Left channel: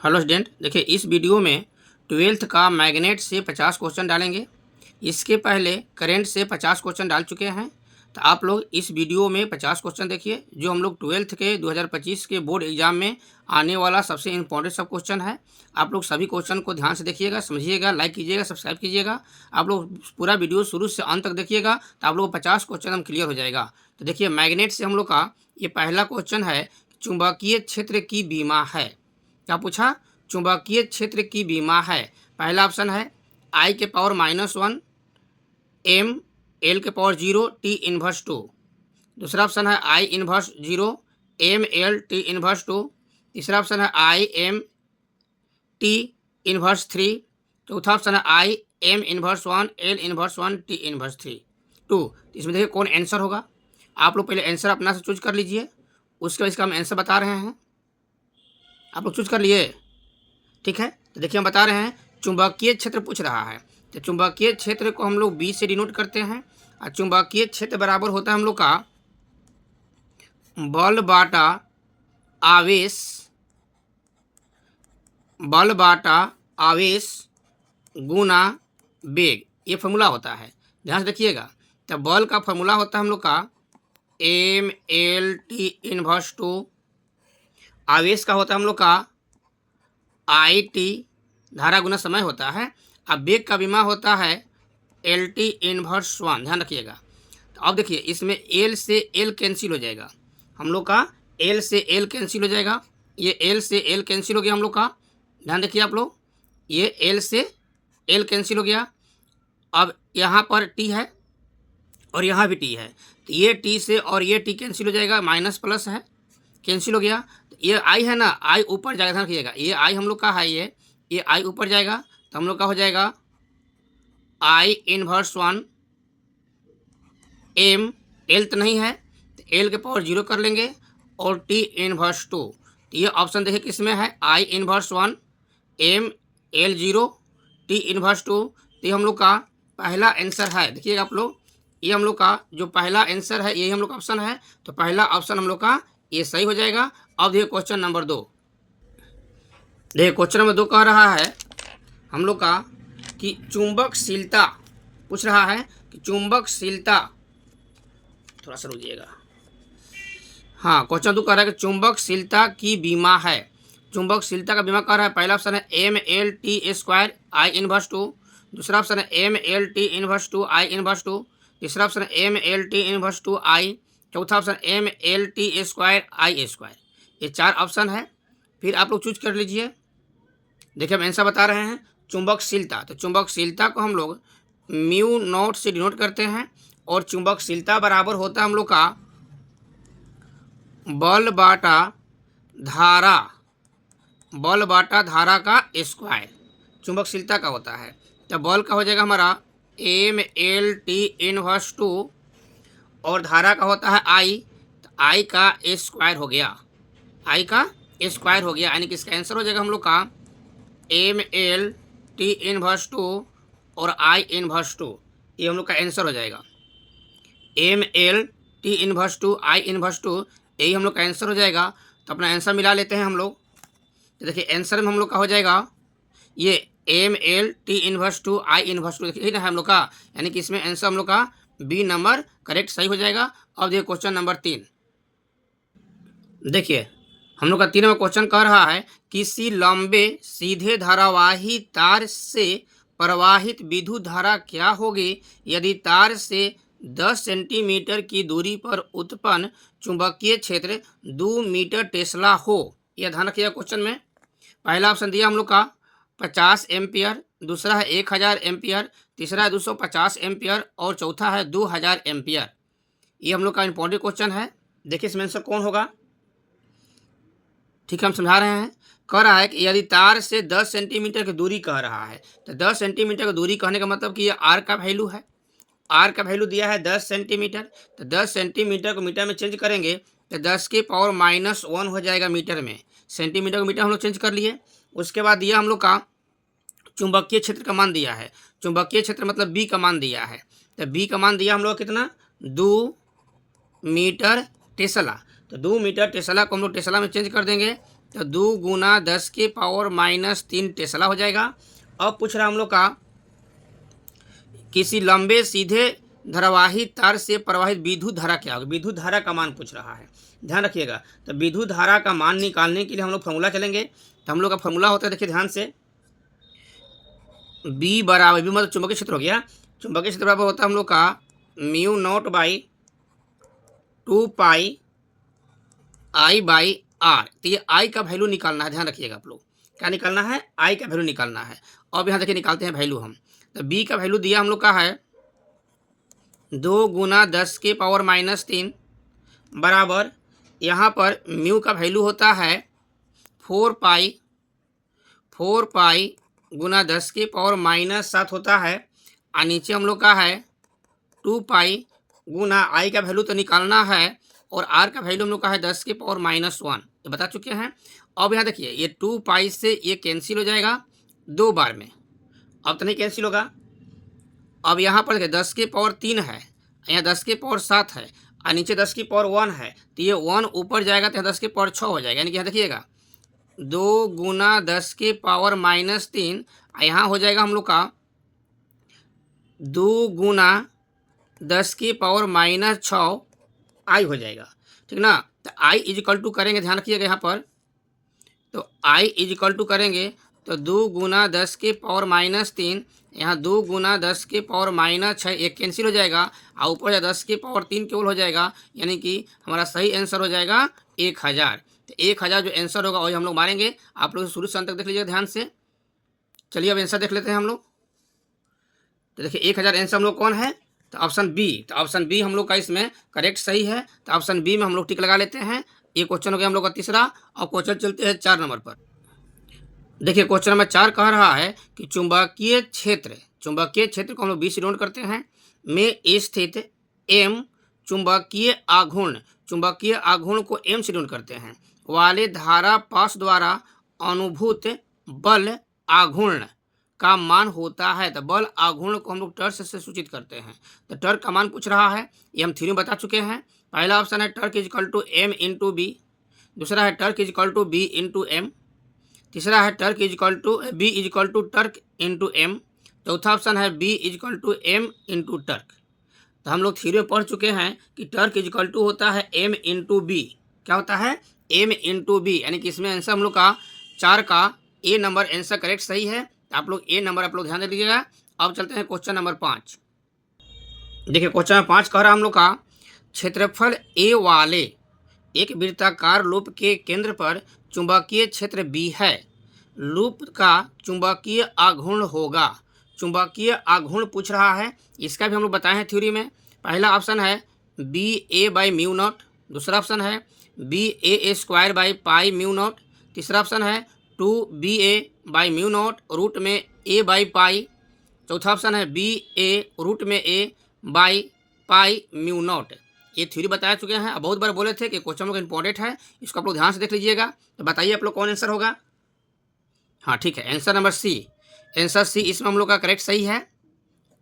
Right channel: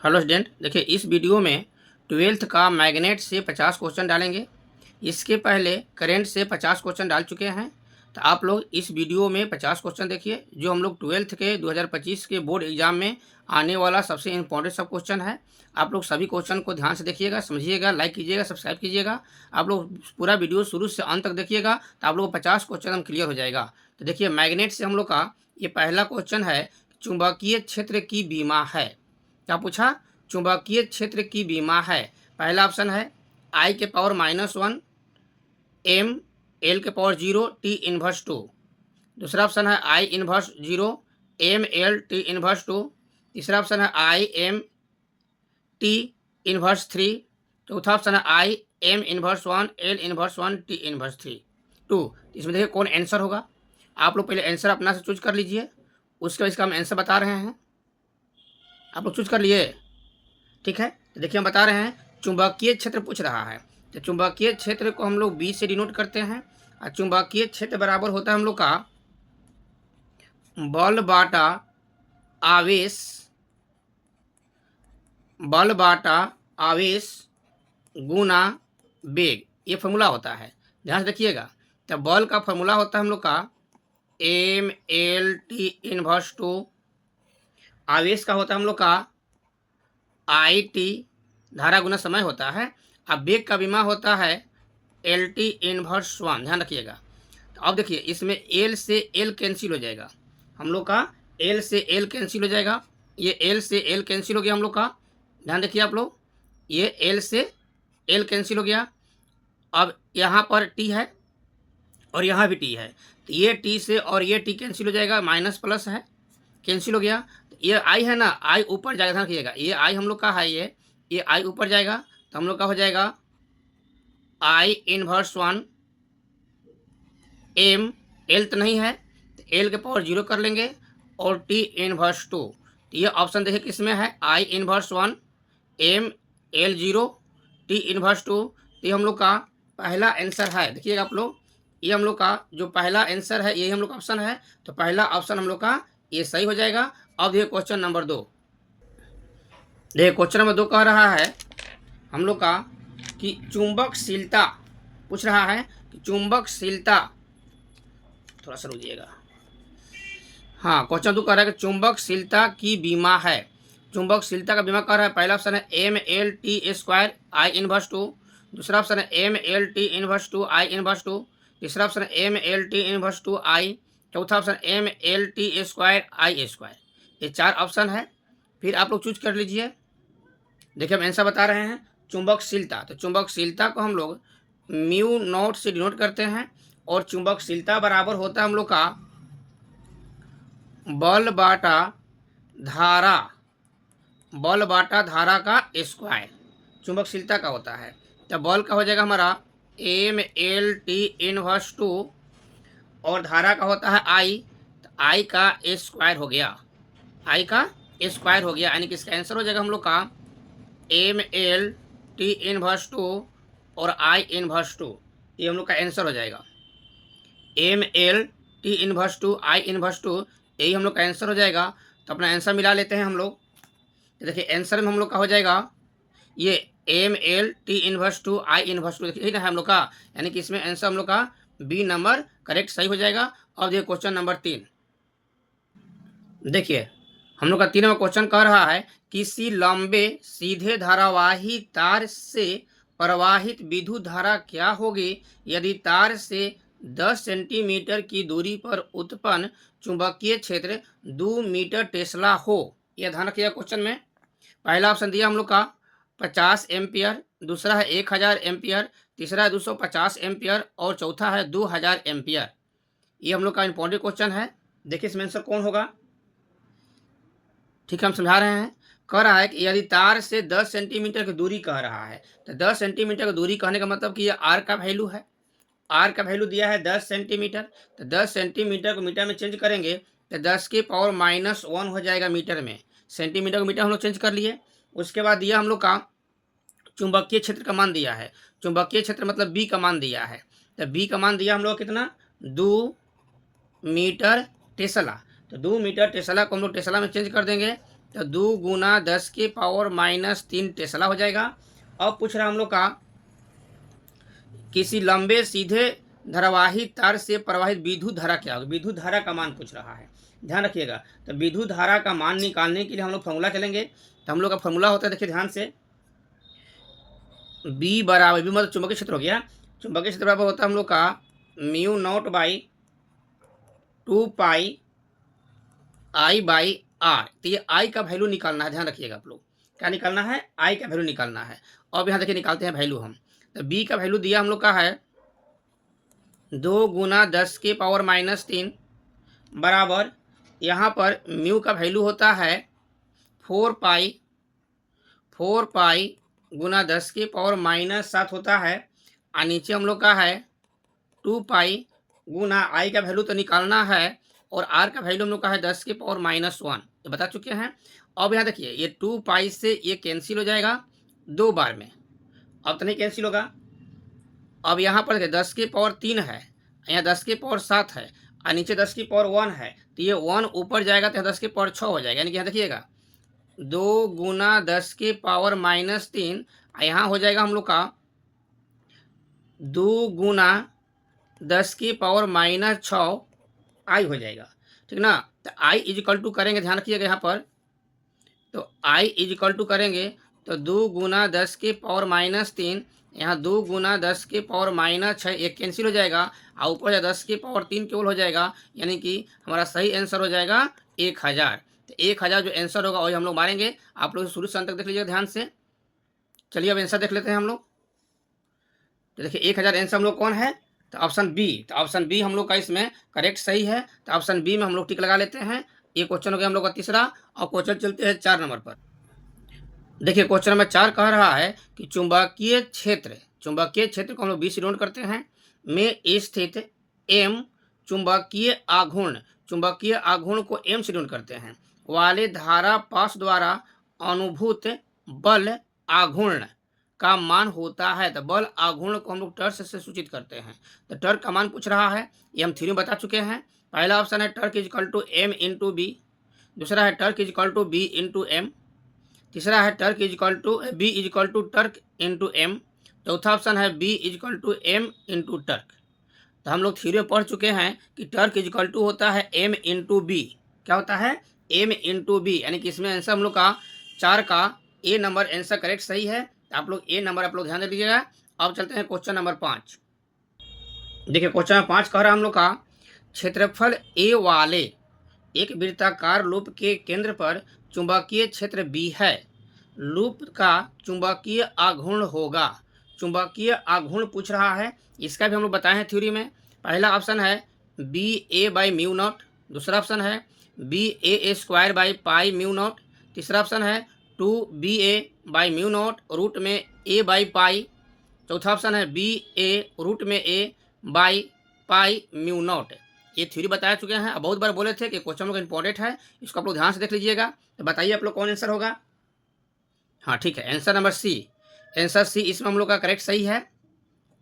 Hello student, देखिए इस video में ट्वेल्थ का मैग्नेट से 50 क्वेश्चन डालेंगे। इसके पहले करंट से 50 क्वेश्चन डाल चुके हैं। तो आप लोग इस वीडियो में 50 क्वेश्चन देखिए, जो हम लोग ट्वेल्थ के 2025 के बोर्ड एग्जाम में आने वाला सबसे इंपॉर्टेंट सब क्वेश्चन है। आप लोग सभी क्वेश्चन को ध्यान से देखिएगा, समझिएगा, लाइक कीजिएगा, सब्सक्राइब कीजिएगा। आप लोग पूरा वीडियो शुरू से अंत तक देखिएगा, तो आप लोग को 50 क्वेश्चन हम क्लियर हो जाएगा। तो देखिए मैग्नेट से हम लोग का ये पहला क्वेश्चन है, चुंबकीय क्षेत्र की बीमा है। क्या पूछा? चुंबकीय क्षेत्र की बीमा है। पहला ऑप्शन है आई के पावर -1 एम एल के पावर 0 टी इनवर्स 2। दूसरा ऑप्शन है I inverse 0 M L T inverse 2। तीसरा ऑप्शन है आई एम टी इनवर्स 3। चौथा ऑप्शन है I am inverse 1 L inverse 1 T inverse 2। इसमें देखिए कौन आंसर होगा। आप लोग पहले आंसर अपना से चूज कर लीजिए, उसके बाद इसका हम आंसर बता रहे हैं। आप लोग चूज कर लिए? ठीक है, तो देखिए हम बता रहे हैं चुंबकीय क्षेत्र पूछ रहा है। तो चुंबकीय क्षेत्र को हम लोग बी से डिनोट करते हैं। और चुंबकीय क्षेत्र बराबर होता है हम लोग का बल बाटा आवेश, बल बाटा आवेश गुना वेग। ये फॉर्मूला होता है, ध्यान से देखिएगा। तो बल का फॉर्मूला होता है हम लोग का एम एल टी इनवर्स 2। आवेश का होता है हम लोग का आई टी, धारा गुना समय होता है। अब वेग का बीमा होता है एल टी इनवर्स 1। ध्यान रखिएगा। तो अब देखिए इसमें एल से एल कैंसिल हो जाएगा हम लोग का, एल से एल कैंसिल हो जाएगा। ये एल से एल कैंसिल हो गया हम लोग का। ध्यान रखिए आप लोग, ये एल से एल कैंसिल हो गया। अब यहाँ पर टी है और यहाँ भी टी है, तो ये टी से और ये टी कैंसिल हो जाएगा, माइनस प्लस है, कैंसिल हो गया। तो ये आई है ना, आई ऊपर जाएगा, ध्यान रखिएगा। ये आई हम लोग का है, ये आई ऊपर जाएगा, तो हम लोग का हो जाएगा आई इनवर्स 1 एम, एल तो नहीं है तो एल के पावर 0 कर लेंगे, और टी इनवर्स 2। तो ये ऑप्शन देखिए किस में है, I inverse 1 M L 0 T inverse 2। तो ये हम लोग का पहला आंसर है। देखिएगा आप लोग, ये हम लोग का जो पहला आंसर है यही हम लोग का ऑप्शन है। तो पहला ऑप्शन हम लोग का ये सही हो जाएगा। अब देखिए क्वेश्चन नंबर 2। देखिए क्वेश्चन नंबर 2 कह रहा है हम लोग का कि चुंबकशीलता पूछ रहा है कि चुंबकशीलता, थोड़ा सा रुकिएगा। हाँ, क्वेश्चन 2 कह रहा है कि चुंबकशीलता की बीमा है। चुंबकशीलता का बीमा कह रहा है। पहला ऑप्शन है M L T square I inverse 2। दूसरा ऑप्शन है M L T inverse 2 I inverse 2। तीसरा ऑप्शन है M L T inverse 2 I. चौथा option M L T square I square. ये 4 ऑप्शन है, फिर आप लोग चूज कर लीजिए। देखिए हम आंसर बता रहे हैं चुंबकशीलता। तो चुंबकशीलता को हम लोग म्यू नॉट से डिनोट करते हैं, और चुंबकशीलता बराबर होता है हम लोग का बल बाटा धारा, बल बाटा धारा का स्क्वायर चुंबकशीलता का होता है। तो बल का हो जाएगा हमारा एम एल टी इनवर्स 2, और धारा का होता है आई, तो आई का स्क्वायर हो गया, आई का स्क्वायर हो गया, यानी कि इसका आंसर हो जाएगा हम लोग का एम एल टी इनवर्स 2 और आई इनवर्स 2। ये हम लोग का आंसर हो जाएगा M L T inverse 2 I inverse 2, यही हम लोग का आंसर हो जाएगा। तो अपना आंसर मिला लेते हैं हम लोग। तो देखिए आंसर में हम लोग का हो जाएगा ये M L T inverse 2 I inverse 2, देखिए ना है हम लोग का, यानी कि इसमें आंसर हम लोग का बी नंबर करेक्ट सही हो जाएगा। अब देखिए क्वेश्चन नंबर 3। देखिए हम लोग का 3वां क्वेश्चन कह रहा है किसी लंबे सीधे धारावाही तार से प्रवाहित विद्युत धारा क्या होगी यदि तार से 10 सेंटीमीटर की दूरी पर उत्पन्न चुंबकीय क्षेत्र 2 मीटर टेस्ला हो। यह ध्यान रखिएगा क्वेश्चन में। पहला ऑप्शन दिया हम लोग का 50 एम्पियर, दूसरा है 1000 एम्पियर, तीसरा है 250 एम्पियर, और चौथा है 2000 एम्पियर। ये हम लोग का इंपॉर्टेंट क्वेश्चन है। देखिए इसमें आंसर कौन होगा। ठीक है, हम समझा रहे हैं। कह रहा है कि यदि तार से 10 सेंटीमीटर की दूरी कह रहा है, तो 10 सेंटीमीटर की दूरी कहने का मतलब कि ये आर का वैल्यू है। आर का वैल्यू दिया है 10 सेंटीमीटर, तो 10 सेंटीमीटर को मीटर में चेंज करेंगे तो 10 की पावर -1 हो जाएगा मीटर में। सेंटीमीटर को मीटर हम लोग चेंज कर लिए। उसके बाद दिया हम लोग का चुंबकीय क्षेत्र का मान दिया है। चुंबकीय क्षेत्र मतलब बी का मान दिया है। तो बी का मान दिया हम लोग कितना, 2 मीटर टेस्ला। तो 2 मीटर टेस्ला को हम लोग टेस्ला में चेंज कर देंगे, तो 2 गुना 10 के पावर -3 टेस्ला हो जाएगा। अब पूछ रहा हम लोग का किसी लंबे सीधे धारावाही तार से प्रवाहित विद्युत धारा क्या होगी। विद्युत धारा का मान पूछ रहा है, ध्यान रखिएगा। तो विद्युत धारा का मान निकालने के लिए हम लोग फॉर्मूला चलेंगे। तो हम लोग का फॉर्मूला होता है, देखिए ध्यान से, बी बराबर, बी मतलब चुंबकीय क्षेत्र हो गया, चुंबकीय क्षेत्र बराबर होता है हम लोग का mu naught by 2 pi I by R. तो ये आई का वैल्यू निकालना है, ध्यान रखिएगा आप लोग, क्या निकालना है, आई का वैल्यू निकालना है। अब यहाँ देखिए निकालते हैं वैल्यू हम। तो बी का वैल्यू दिया हम लोग का है 2 गुना 10 के पावर -3 बराबर, यहाँ पर म्यू का वैल्यू होता है 4 पाई गुना 10 के पावर -7 होता है, और नीचे हम लोग का है 2 पाई गुना आई का वैल्यू तो निकालना है, और आर का वैल्यू हम लोग का है 10 के पावर -1, ये बता चुके हैं। अब यहाँ देखिए ये 2 पाई से ये कैंसिल हो जाएगा 2 बार में, अब तो नहीं कैंसिल होगा। अब यहाँ पर देखिए 10 के पावर 3 है, यहाँ 10 के पावर 7 है, और नीचे 10 की पावर 1 है, तो ये 1 ऊपर जाएगा तो यहाँ 10 के पावर 6 हो जाएगा। यानी कि यहाँ देखिएगा 2 गुना 10 के पावर -3, यहाँ हो जाएगा हम लोग का 2 गुना 10 की पावर -6 आई हो जाएगा, ठीक ना। तो आई इजिकल टू करेंगे, ध्यान रखिएगा यहाँ पर, तो आई इजिकल टू करेंगे तो 2 गुना 10 के पावर -3, यहाँ 2 गुना 10 के पावर -6, एक कैंसिल हो जाएगा, और ऊपर 10 के पावर 3 केवल हो जाएगा, यानी कि हमारा सही आंसर हो जाएगा 1000। तो 1000 जो आंसर होगा वही हम लोग मारेंगे। आप लोग शुरू से अंत तक देख लीजिए ध्यान से। चलिए अब आंसर देख लेते हैं हम लोग। तो देखिए 1000 आंसर हम लोग कौन है, तो ऑप्शन बी। तो ऑप्शन बी हम लोग का इसमें करेक्ट सही है। तो ऑप्शन बी में हम लोग टिक लगा लेते हैं। ये क्वेश्चन हो गया हम लोग का तीसरा। और क्वेश्चन चलते हैं 4 नंबर पर। देखिए क्वेश्चन नंबर 4 कह रहा है कि चुंबकीय क्षेत्र को हम लोग बी से डिनोट करते हैं में स्थित एम चुंबकीय आघूर्ण को एम से डिनोट करते हैं वाले धारा पास द्वारा अनुभूत बल आघूर्ण का मान होता है। तो बल आघूर्ण को हम लोग टर्क से सूचित करते हैं। तो टर्क का मान पूछ रहा है, ये हम थ्योरी में बता चुके हैं। पहला ऑप्शन है torque equal to M into B, दूसरा है torque equal to B into M, तीसरा है torque equal to B equal to torque into M, चौथा ऑप्शन है B equal to M into torque. तो हम लोग थ्योरी में पढ़ चुके हैं कि टर्क इजिकल टू होता है एम इंटू बी। क्या होता है, एम इंटू बी, यानी कि इसमें आंसर हम लोग का 4 का ए नंबर आंसर करेक्ट सही है। आप लोग ए नंबर आप लोग ध्यान दीजिएगा। अब चलते हैं क्वेश्चन नंबर 5। देखिए क्वेश्चन नंबर 5 कह रहा हम लोग का क्षेत्रफल ए वाले एक वृत्ताकार लूप के केंद्र पर चुंबकीय क्षेत्र बी है। लूप का चुंबकीय आघूर्ण होगा। चुंबकीय आघूर्ण पूछ रहा है, इसका भी हम लोग बताए हैं थ्योरी में। पहला ऑप्शन है B A by mu naught, दूसरा ऑप्शन है B A square by pi mu naught, तीसरा ऑप्शन है 2 B A by mu naught root में ए बाई पाई, चौथा ऑप्शन है बी ए रूट में A by pi mu not. ये theory बता चुके हैं। अब बहुत बार बोले थे कि क्वेश्चन लोग इंपॉर्टेंट है, इसको आप लोग ध्यान से देख लीजिएगा। तो बताइए आप लोग कौन आंसर होगा। हाँ ठीक है, answer number C. Answer C इसमें हम लोग का करेक्ट सही है।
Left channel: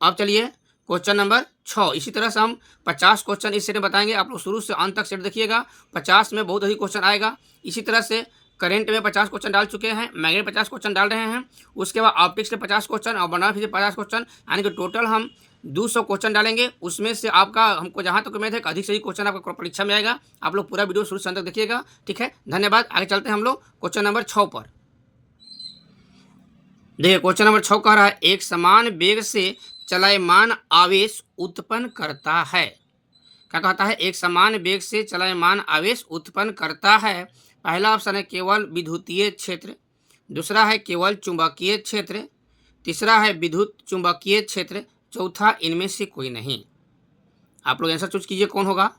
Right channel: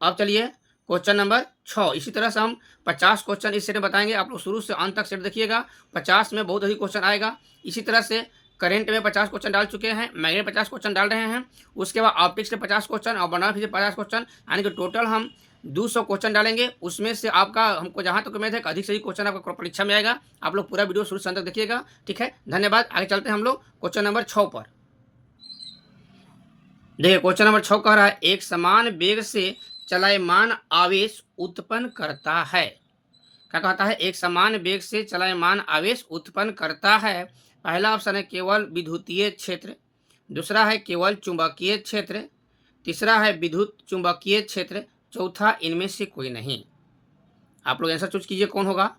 अब चलिए क्वेश्चन नंबर 6। इसी तरह से हम 50 क्वेश्चन इस सेट में बताएंगे। आप लोग शुरू से अंत तक सेट देखिएगा, 50 में बहुत अधिक क्वेश्चन आएगा। इसी तरह से करंट में 50 क्वेश्चन डाल चुके हैं, मैग्नेट 50 क्वेश्चन डाल रहे हैं, उसके बाद ऑप्टिक्स के 50 क्वेश्चन और बनारस से 50 क्वेश्चन, यानी कि टोटल हम 200 क्वेश्चन डालेंगे। उसमें से आपका हमको जहाँ तक उम्मीद है कि अधिक से अधिक क्वेश्चन आपका परीक्षा में आएगा। आप लोग पूरा वीडियो शुरू से अंत तक देखिएगा, ठीक है। धन्यवाद। आगे चलते हैं हम लोग क्वेश्चन नंबर 6 पर। देखिए क्वेश्चन नंबर 6 कह रहा है एक समान वेग से चलायमान आवेश उत्पन्न करता है। क्या कहता है, एक समान वेग से चलायमान आवेश उत्पन्न करता है। पहला ऑप्शन है केवल विद्युतीय क्षेत्र, दूसरा है केवल चुंबकीय क्षेत्र, तीसरा है विद्युत चुंबकीय क्षेत्र, चौथा इनमें से कोई नहीं। आप लोग आंसर चूज कीजिए कौन होगा।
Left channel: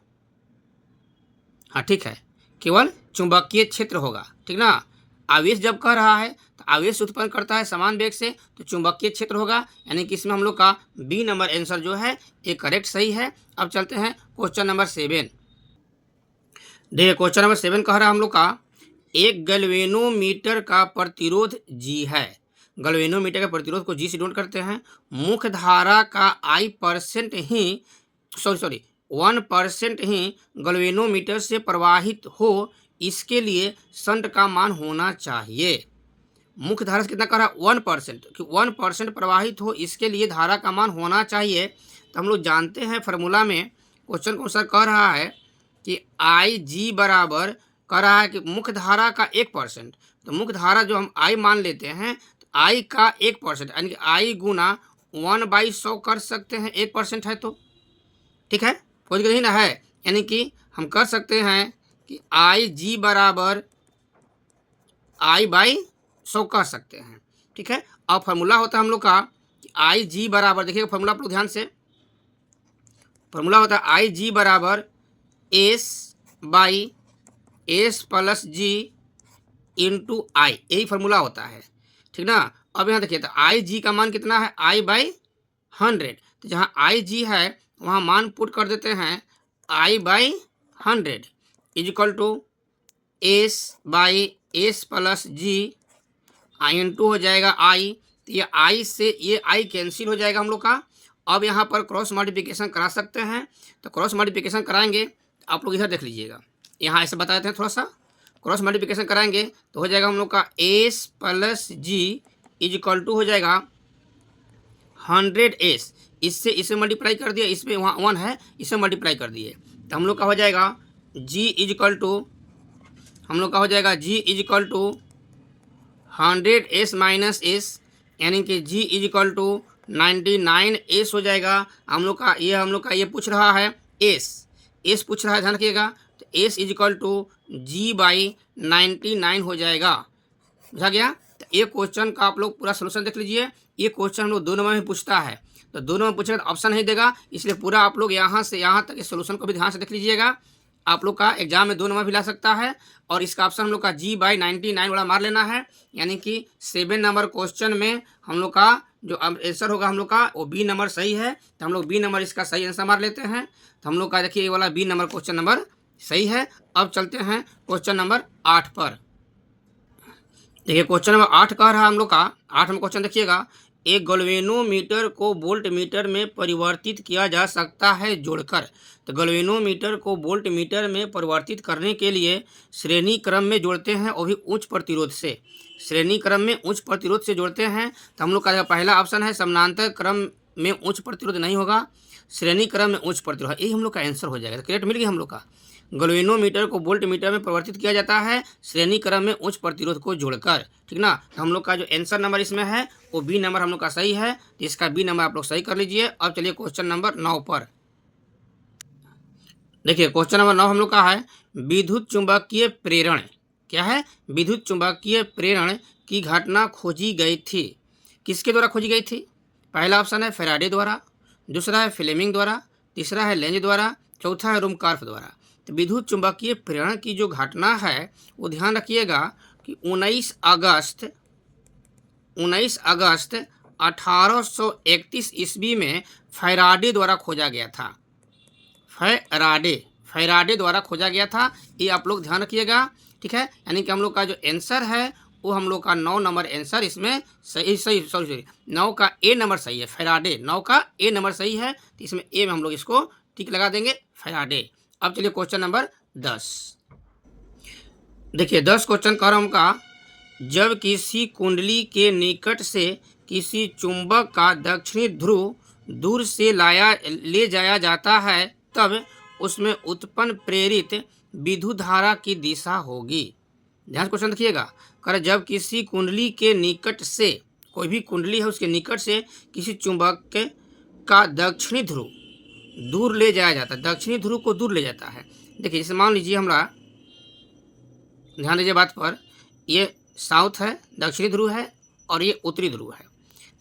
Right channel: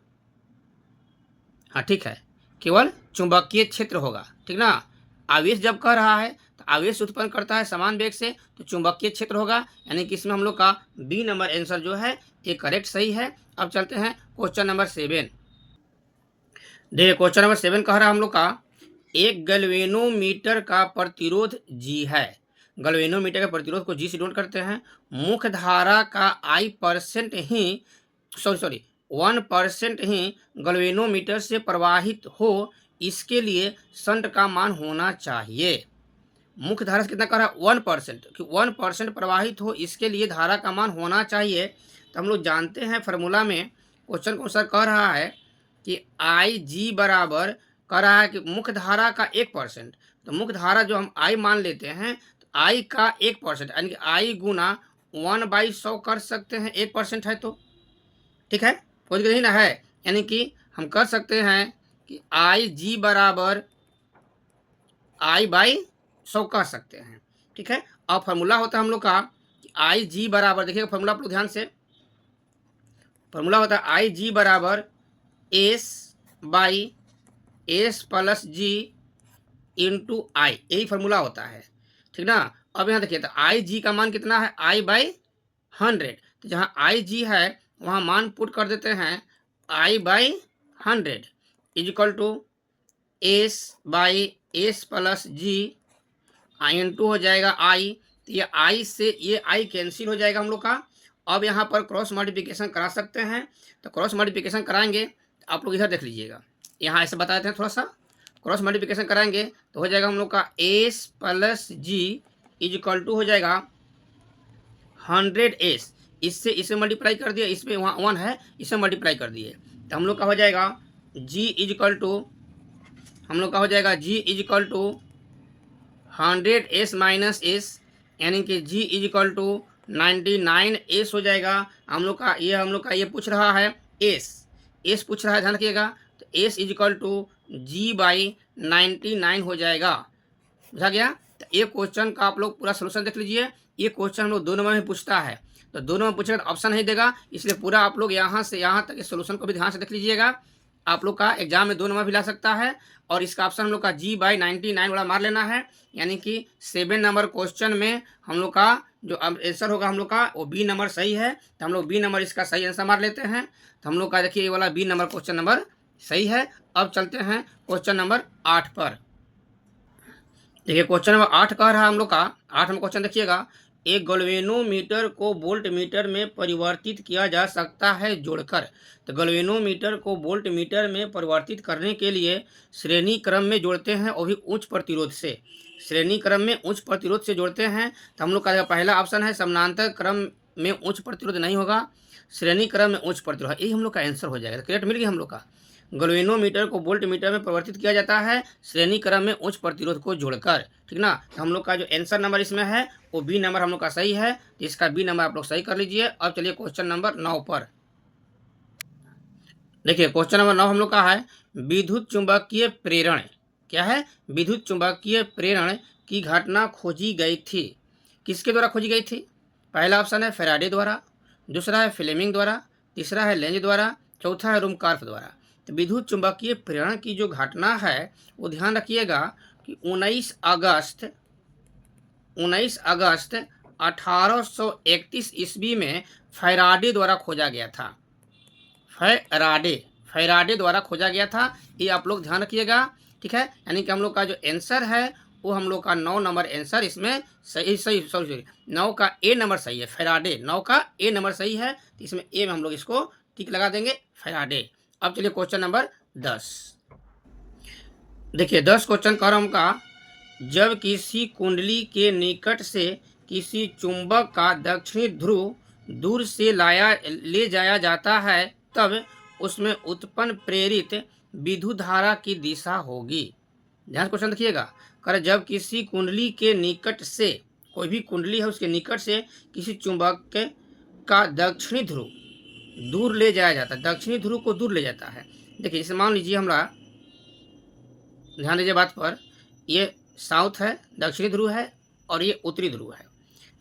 हाँ ठीक है, केवल चुंबकीय क्षेत्र होगा, ठीक ना। आवेश जब कह रहा है तो आवेश उत्पन्न करता है समान वेग से, तो चुंबकीय क्षेत्र होगा, यानी कि इसमें हम लोग का बी नंबर आंसर जो है ये करेक्ट सही है। अब चलते हैं क्वेश्चन नंबर 7। देखिए क्वेश्चन नंबर 7 कह रहा है हम लोग का एक गैल्वेनोमीटर का प्रतिरोध जी है। गैल्वेनोमीटर के प्रतिरोध को जी से डिनोट करते हैं। मुख्य धारा का I% ही 1% ही गैल्वेनोमीटर से प्रवाहित हो इसके लिए शंट का मान होना चाहिए। मुख्य धारा से कितना कह रहा है 1%, कि 1% प्रवाहित हो इसके लिए धारा का मान होना चाहिए। तो हम लोग जानते हैं फार्मूला में क्वेश्चन को सर कह रहा है कि आई जी बराबर कह रहा है कि मुख्य धारा का 1%। तो मुख्य धारा जो हम आई मान लेते हैं तो आई का 1% यानी कि आई गुना 1/100 कर सकते हैं, 1% है तो ठीक है, समझ गए ना है। यानी कि हम कर सकते हैं कि आई जी बराबर I/100 कह सकते हैं, ठीक है। और फार्मूला होता है हम लोग का कि आई जी बराबर, देखिएगा फार्मूला आप लोग ध्यान से, फार्मूला होता है आई जी बराबर S/S+G इंटू आई, यही फार्मूला होता है, ठीक ना। अब यहाँ देखिए तो आई जी का मान कितना है I/100, तो जहाँ आई जी है वहाँ मान पुट कर देते हैं I/100 is equal to S/S+G into हो जाएगा आई। तो ये आई से ये आई कैंसिल हो जाएगा हम लोग का। अब यहाँ पर क्रॉस मल्टीप्लिकेशन करा सकते हैं, तो क्रॉस मल्टीप्लिकेशन कराएंगे तो आप लोग इधर देख लीजिएगा, यहाँ ऐसे बता देते हैं थोड़ा सा, क्रॉस मल्टीप्लिकेशन कराएंगे तो हो जाएगा हम लोग का S+G इज इक्वल टू हो जाएगा 100S, इससे इसे मल्टीप्लाई कर दिया, इसमें वहाँ 1 है, इसे मल्टीप्लाई कर दिए तो हम लोग का हो जाएगा G इज इक्वल टू, हम लोग का हो जाएगा G is equal to 100S minus S, यानी कि G is equal to 99S हो जाएगा। हम लोग का ये पूछ रहा है S पूछ रहा है, ध्यान रखिएगा। तो S is equal to G/99 हो जाएगा, बुझा गया। तो ये क्वेश्चन का आप लोग पूरा सोल्यूशन देख लीजिए। ये क्वेश्चन हम लोग 2 नंबर में पूछता है, तो 2 नंबर पूछेगा तो ऑप्शन नहीं देगा, इसलिए पूरा आप लोग यहाँ से यहाँ तक इस सोल्यूशन को भी ध्यान से देख लीजिएगा। आप लोग का एग्जाम में 2 नंबर भी ला सकता है, और इसका ऑप्शन हम लोग का G/99 वाला मार लेना है, यानी कि 7 नंबर क्वेश्चन में हम लोग का जो आंसर होगा हम लोग का वो बी नंबर सही है, तो हम लोग बी नंबर इसका सही आंसर मार लेते हैं। तो हम लोग का देखिए ये वाला बी नंबर क्वेश्चन नंबर सही है। अब चलते हैं क्वेश्चन नंबर 8 पर। देखिए क्वेश्चन नंबर 8 कह रहा है हम लोग का, 8 में क्वेश्चन देखिएगा, एक गैल्वेनोमीटर को वोल्ट मीटर में परिवर्तित किया जा सकता है जोड़कर। तो गैल्वेनोमीटर को वोल्ट मीटर में परिवर्तित करने के लिए श्रेणी क्रम में जोड़ते हैं, और भी उच्च प्रतिरोध से, श्रेणी क्रम में उच्च प्रतिरोध से जोड़ते हैं। तो हम लोग का पहला ऑप्शन है समानांतर क्रम में उच्च प्रतिरोध नहीं होगा, श्रेणी क्रम में उच्च प्रतिरोध, यही हम लोग का आंसर हो जाएगा। करेक्ट मिल गया हम लोग का। गैल्वेनोमीटर को वोल्ट मीटर में परिवर्तित किया जाता है श्रेणी क्रम में उच्च प्रतिरोध को जोड़कर, ठीक ना। तो हम लोग का जो आंसर नंबर इसमें है वो बी नंबर हम लोग का सही है, तो इसका बी नंबर आप लोग सही कर लीजिए। अब चलिए क्वेश्चन नंबर 9 पर। देखिए क्वेश्चन नंबर 9 हम लोग का है, विद्युत चुंबकीय प्रेरण, क्या है, विद्युत चुंबकीय प्रेरण की घटना खोजी गई थी, किसके द्वारा खोजी गई थी। पहला ऑप्शन है फैराडे द्वारा, दूसरा है फ्लेमिंग द्वारा, तीसरा है लेंज द्वारा, चौथा है रूमकार्फ द्वारा। तो विद्युत चुंबकीय प्रेरण की जो घटना है वो ध्यान रखिएगा कि 19 अगस्त 1831 ईस्वी में फैराडे द्वारा खोजा गया था, फैराडे द्वारा खोजा गया था, ये आप लोग ध्यान रखिएगा, ठीक है। यानी कि हम लोग का जो आंसर है वो हम लोग का 9 नंबर आंसर इसमें सॉरी 9 का ए नंबर सही है, फैराडे 9 का ए नंबर सही है, तो इसमें ए में हम लोग इसको टिक लगा देंगे, फैराडे। अब चलिए क्वेश्चन नंबर 10। देखिए 10 क्वेश्चन कर हम का, जब किसी कुंडली के निकट से किसी चुंबक का दक्षिणी ध्रुव दूर से ले जाया जाता है तब उसमें उत्पन्न प्रेरित विद्युत धारा की दिशा होगी। ध्यान से क्वेश्चन देखिएगा, कर जब किसी कुंडली के निकट से, कोई भी कुंडली है उसके निकट से किसी चुंबक का दक्षिणी ध्रुव दूर ले जाया जाता है, दक्षिणी ध्रुव को दूर ले जाता है। देखिए जैसे मान लीजिए हमरा, ध्यान दीजिए बात पर, ये साउथ है, दक्षिणी ध्रुव है, और ये उत्तरी ध्रुव है,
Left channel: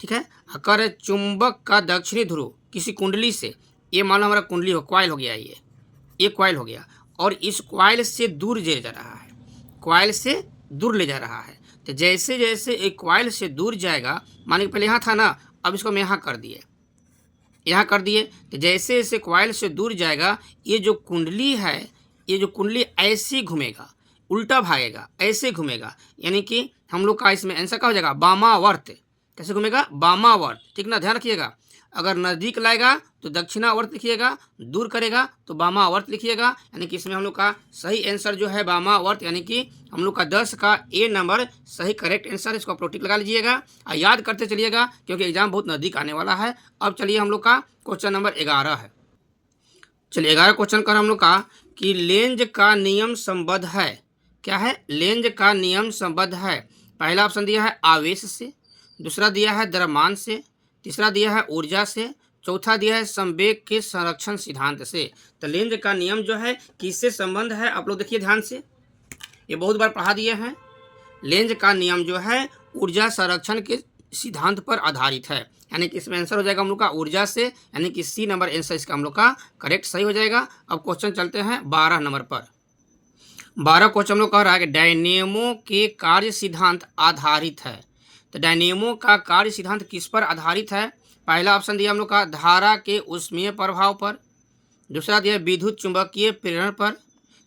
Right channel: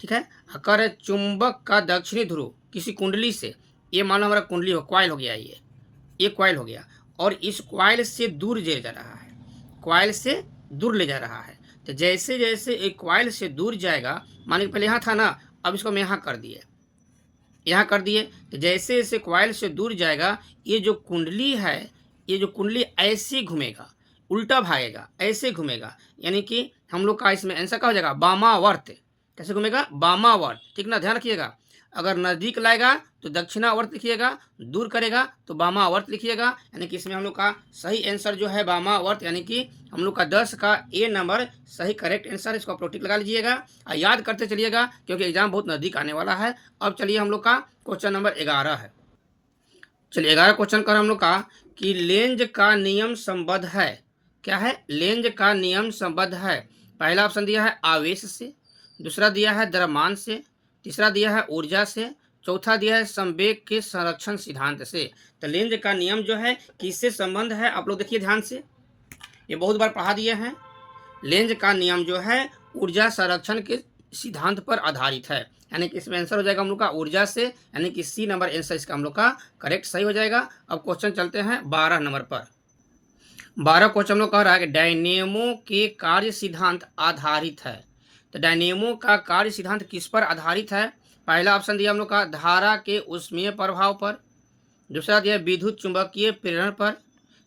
ठीक है। अगर चुंबक का दक्षिणी ध्रुव किसी कुंडली से, ये मान लो हमारा कुंडली हो, कॉइल हो गया, ये कॉइल हो गया, और इस कॉइल से दूर ले जा रहा है, कॉइल से दूर ले जा रहा है। तो जैसे जैसे एक कॉइल से दूर जाएगा, मानिए पहले यहाँ था ना, अब इसको हम यहाँ कर दिए, तो जैसे जैसे कॉइल से दूर जाएगा, ये जो कुंडली है, ये जो कुंडली ऐसे घूमेगा, उल्टा भागेगा, ऐसे घूमेगा, यानी कि हम लोग का इसमें आंसर क्या हो जाएगा, वामावर्त। कैसे घूमेगा, वामावर्त, ठीक ना, ध्यान रखिएगा। अगर नज़दीक लाएगा तो दक्षिणावर्त लिखिएगा, दूर करेगा तो वामावर्त लिखिएगा। यानी कि इसमें हम लोग का सही आंसर जो है वामावर्त, यानी कि हम लोग का 10 का ए नंबर सही करेक्ट आंसर है। इसको आप लोग टिक लगा लीजिएगा और याद करते चलिएगा क्योंकि एग्जाम बहुत नज़दीक आने वाला है। अब चलिए हम लोग का क्वेश्चन नंबर 11 है। चलिए 11 क्वेश्चन कर हम लोग का कि लेंज का नियम संबद्ध है। क्या है? लेंज का नियम संबद्ध है। पहला ऑप्शन दिया है आवेश से, दूसरा दिया है द्रव्यमान से, तीसरा दिया है ऊर्जा से, चौथा दिया है संवेग के संरक्षण सिद्धांत से। तो लेंज का नियम जो है किससे संबंध है, आप लोग देखिए ध्यान से, ये बहुत बार पढ़ा दिए हैं। लेंज का नियम जो है ऊर्जा संरक्षण के सिद्धांत पर आधारित है। यानी कि इसमें आंसर हो जाएगा हम लोग का ऊर्जा से, यानी कि सी नंबर आंसर इसका हम लोग का करेक्ट सही हो जाएगा। अब क्वेश्चन चलते हैं 12 नंबर पर। 12 क्वेश्चन हम लोग कह रहा है कि डायनेमो के कार्य सिद्धांत आधारित है। तो डायनेमो का कार्य सिद्धांत किस पर आधारित है? पहला ऑप्शन दिया हम लोग का धारा के ऊष्मीय प्रभाव पर, दूसरा दिया विद्युत चुंबकीय प्रेरण पर,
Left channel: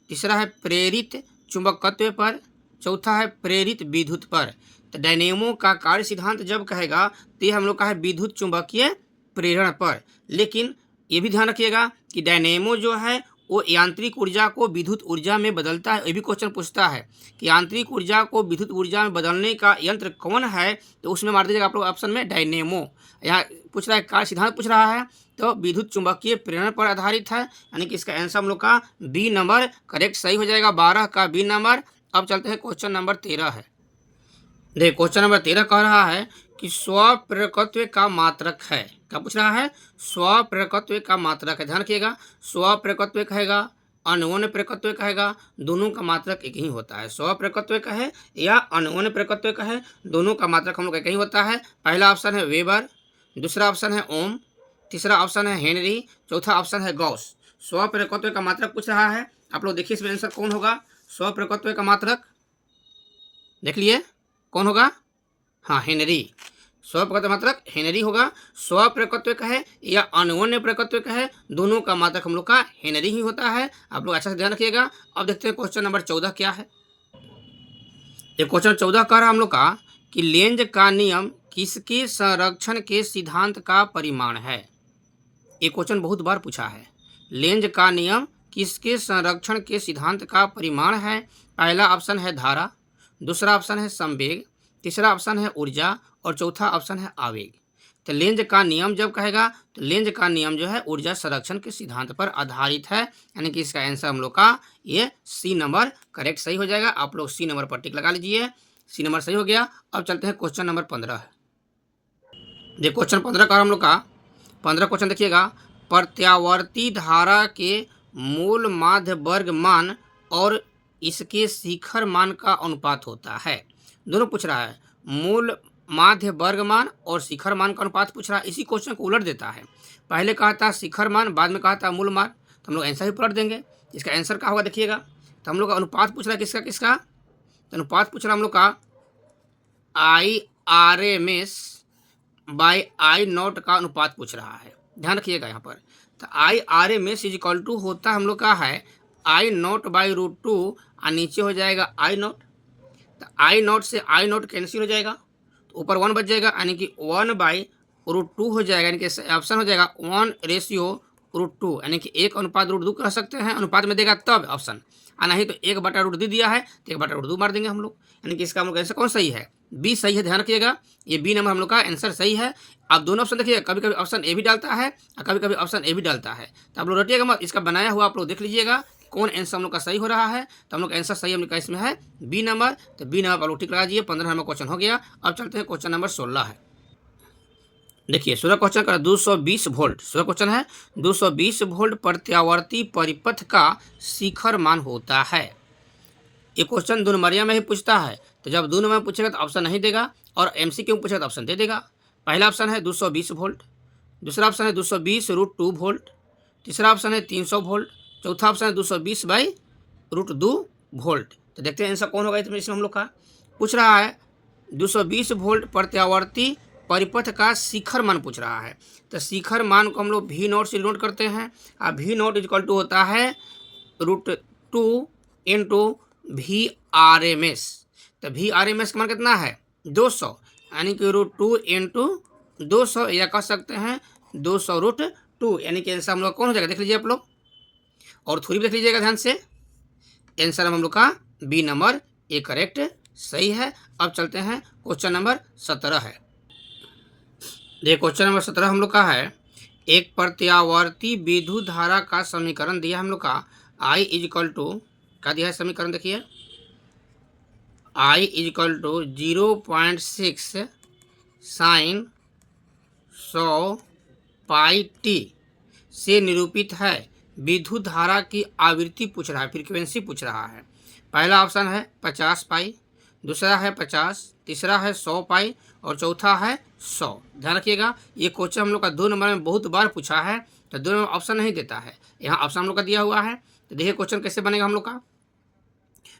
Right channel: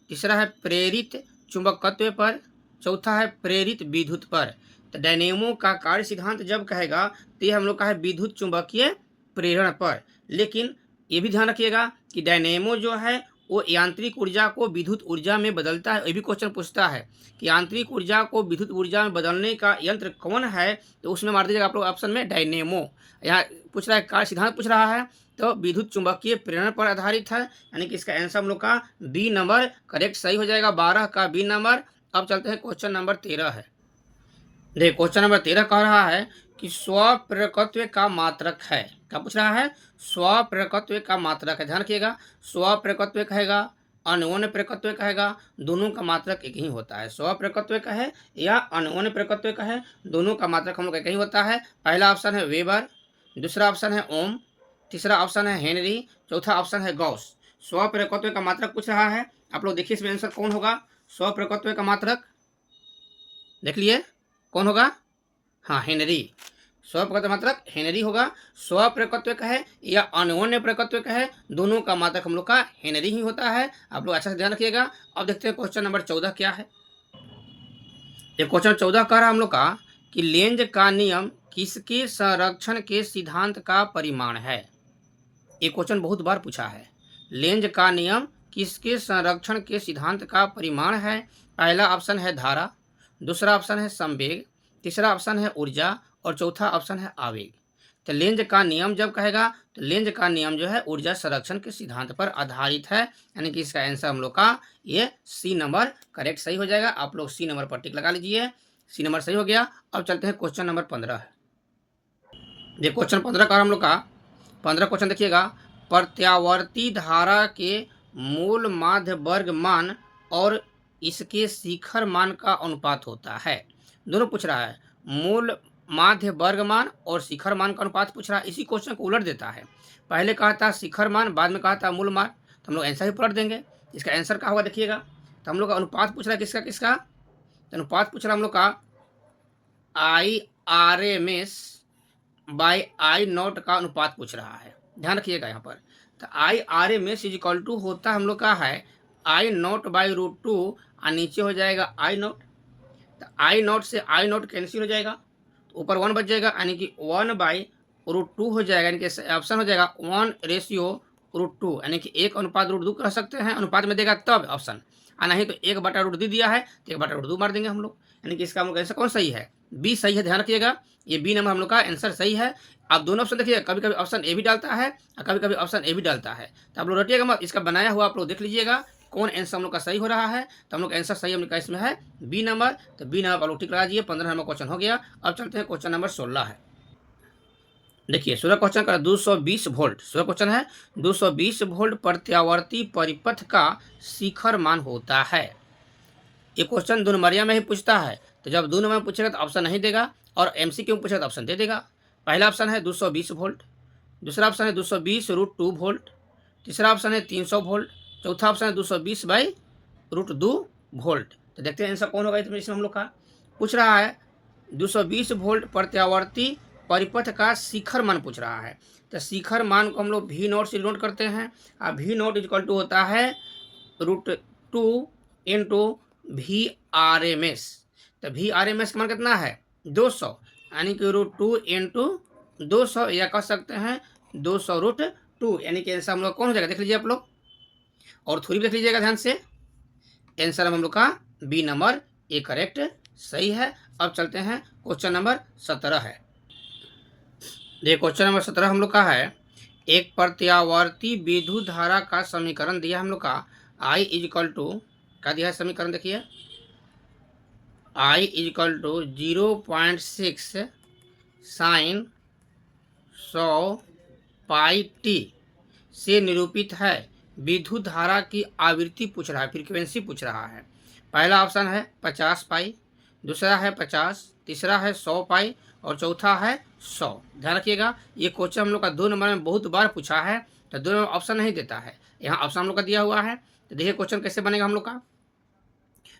तीसरा है प्रेरित चुंबकत्व पर, चौथा है प्रेरित विद्युत पर। तो डायनेमो का कार्य सिद्धांत जब कहेगा तो ये हम लोग का है विद्युत चुंबकीय प्रेरण पर। लेकिन ये भी ध्यान रखिएगा कि डायनेमो जो है वो यांत्रिक ऊर्जा को विद्युत ऊर्जा में बदलता है। ये भी क्वेश्चन पूछता है कि यांत्रिक ऊर्जा को विद्युत ऊर्जा में बदलने का यंत्र कौन है, तो उसमें मार दीजिएगा आप लोग ऑप्शन में डायनेमो। यहाँ पूछ रहा है कार्य सिद्धांत पूछ रहा है तो विद्युत चुंबकीय प्रेरण पर आधारित है, यानी कि इसका आंसर हम लोग का बी नंबर करेक्ट सही हो जाएगा, 12 का बी नंबर। अब चलते हैं क्वेश्चन नंबर 13 है। देखिए क्वेश्चन नंबर 13 कह रहा है कि स्वप्रेरकत्व का मात्रक है। क्या पूछ रहा है? स्वप्रेरकत्व का मात्रक है। ध्यान रखिएगा, स्वप्रेरकत्व कहेगा, अन्योन्य प्रेरकत्व कहेगा, दोनों का मात्रक एक ही होता है। स्वप्रेरकत्व कहे या अन्योन्य प्रेरकत्व कहे, दोनों का मात्रक हम लोग एक ही होता है। पहला ऑप्शन है वेबर, दूसरा ऑप्शन है ओम, तीसरा ऑप्शन है हेनरी, चौथा ऑप्शन है गॉस। स्वप्रेरकत्व का मात्रक पूछ रहा है, आप लोग देखिए इसमें आंसर कौन होगा। स्वप्रेरकत्व का मात्रक देख लिए कौन होगा? हाँ, हेनरी। स्वप्रेरकत्व मात्रक हेनरी होगा। स्वप्रेरकत्व कहे या अन्योन्य प्रेरकत्व कहे, दोनों का मात्रक हम लोग का हेनरी ही होता है। आप लोग अच्छा से ध्यान रखिएगा। अब देखते हैं क्वेश्चन नंबर 14 क्या है। ये क्वेश्चन 14 कह रहा हम लोग का कि लेंज का नियम किसके संरक्षण के सिद्धांत का परिमाण है। ये क्वेश्चन बहुत बार पूछा है। लेंज का नियम किसके संरक्षण के सिद्धांत का परिमाण है? पहला ऑप्शन है धारा, दूसरा ऑप्शन है संवेग, तीसरा ऑप्शन है ऊर्जा और चौथा ऑप्शन है आवेग। तो लेंज का नियम जब कहेगा तो लेंज का नियम जो है ऊर्जा संरक्षण के सिद्धांत पर आधारित है, यानी कि इसका आंसर हम लोग का ये सी नंबर करेक्ट सही हो जाएगा। आप लोग सी नंबर पर टिक लगा लीजिए, सी नंबर सही हो गया। अब चलते हैं क्वेश्चन नंबर 15। ये क्वेश्चन 15 का हम लोग का 15 क्वेश्चन देखिएगा, प्रत्यावर्ती धारा के मूल माध्य वर्ग मान और इसके शिखर मान का अनुपात होता है। दोनों पूछ रहा है, मूल माध्य वर्ग मान और शिखर मान का अनुपात पूछ रहा है। इसी क्वेश्चन को उलट देता है, पहले कहा था शिखर मान, बाद में कहा था मूल मान, तो हम लोग आंसर ही पलट देंगे। इसका आंसर क्या होगा देखिएगा। तो हम लोग का अनुपात पूछ रहा है किसका किसका, तो अनुपात पूछ रहा है हम लोग का IRMS बाई I0 का अनुपात पूछ रहा है। ध्यान रखिएगा यहाँ पर। तो IRMS इज इक्वल टू होता हम लोग का है I0 बाई √2 और नीचे हो जाएगा I0। तो I0 से I0 कैंसिल हो जाएगा तो ऊपर 1 बच जाएगा, यानी कि 1 बाई √2 हो जाएगा, यानी कि ऑप्शन हो जाएगा 1:√2, यानी कि 1 अनुपात √2 कह सकते हैं। अनुपात में देगा तब ऑप्शन, और नहीं तो 1/√2 दिया है तो 1/√2 मार देंगे हम लोग, यानी कि इसका हम लोग आंसर कौन सही है? बी सही है। ध्यान रखिएगा, ये बी नंबर हम लोग का आंसर सही है। आप दोनों ऑप्शन देखिए, कभी कभी ऑप्शन ए भी डालता है और कभी कभी ऑप्शन ए भी डालता है, तो आप लोग रटिएगा मत, इसका बनाया हुआ आप लोग देख लीजिएगा कौन आंसर हम लोग का सही हो रहा है। तो हम लोग आंसर सही हम लोग का इसमें है बी नंबर, तो बी नंबर आप लोग टिक लगा दीजिए। 15 नंबर क्वेश्चन हो गया। अब चलते हैं क्वेश्चन नंबर 16 है। देखिए 16 क्वेश्चन का 220 वोल्ट, 16 क्वेश्चन है 220 वोल्ट प्रत्यावर्ती परिपथ का शिखर मान होता है। ये क्वेश्चन 2 नंबरिया में ही पूछता है, तो जब 2 नंबर में पूछेगा तो ऑप्शन नहीं देगा और MCQ में पूछेगा तो ऑप्शन दे देगा। पहला ऑप्शन है 220 वोल्ट, दूसरा ऑप्शन है 220√2 वोल्ट, तीसरा ऑप्शन है 300 वोल्ट, चौथा ऑप्शन है 220 बाई √2 वोल्ट। तो देखते हैं आंसर कौन होगा इसमें हम लोग का। पूछ रहा है 220 वोल्ट प्रत्यावर्ती परिपथ का शिखर मान पूछ रहा है। तो शिखर मान को हम लोग V0 से डिनोट करते हैं और V0 इक्वल टू होता है √2 इंटू VRMS। तो VRMS का मान कितना है 200, यानी कि √2 इंटू 200 या कह सकते हैं 200√2, यानी कि आंसर हम लोग कौन हो जाएगा, देख लीजिए आप लोग, और थोड़ी भी देख लीजिएगा ध्यान से। आंसर हम लोग का बी नंबर ए करेक्ट सही है। अब चलते हैं क्वेश्चन नंबर 17 है। देखिए क्वेश्चन नंबर 17 हम लोग का है, एक प्रत्यावर्ती विद्युत धारा का समीकरण दिया हम लोग का, I इजिकल टू क्या दिया है समीकरण, देखिए I equal to 0.6 sine 100 pi T से निरूपित है। विद्युत धारा की आवृत्ति पूछ रहा है, फ्रीक्वेंसी पूछ रहा है। पहला ऑप्शन है 50 पाई, दूसरा है 50, तीसरा है 100 पाई और चौथा है 100। ध्यान रखिएगा, ये क्वेश्चन हम लोग का 2 नंबर में बहुत बार पूछा है, तो 2 नंबर ऑप्शन नहीं देता है, यहाँ ऑप्शन हम लोग का दिया हुआ है। तो देखिए क्वेश्चन कैसे बनेगा हम लोग का।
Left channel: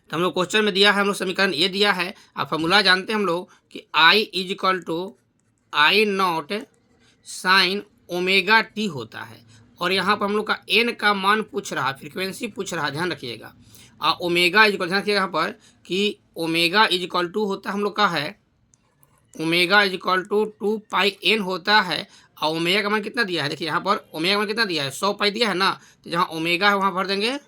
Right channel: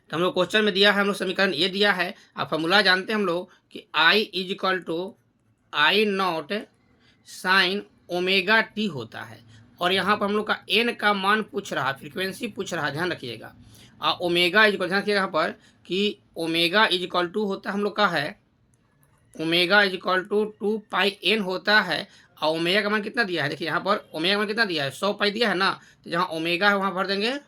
तो हम लोग क्वेश्चन में दिया है, हम लोग समीकरण ये दिया है, आप फॉर्मूला जानते हैं हम लोग कि I equal to I naught sine omega T होता है, और यहाँ पर हम लोग का एन का मान पूछ रहा है, फ्रीक्वेंसी पूछ रहा है, ध्यान रखिएगा। ओमेगा इजिकल, ध्यान रखिएगा यहाँ पर कि ओमेगा इजिकल टू होता हम लोग का है, omega equal to 2 pi N होता है, और ओमेगा का मान कितना दिया है, देखिए यहाँ पर ओमेगा का मान कितना दिया है, 100 पाई दिया है ना, तो जहाँ ओमेगा है वहाँ भर देंगे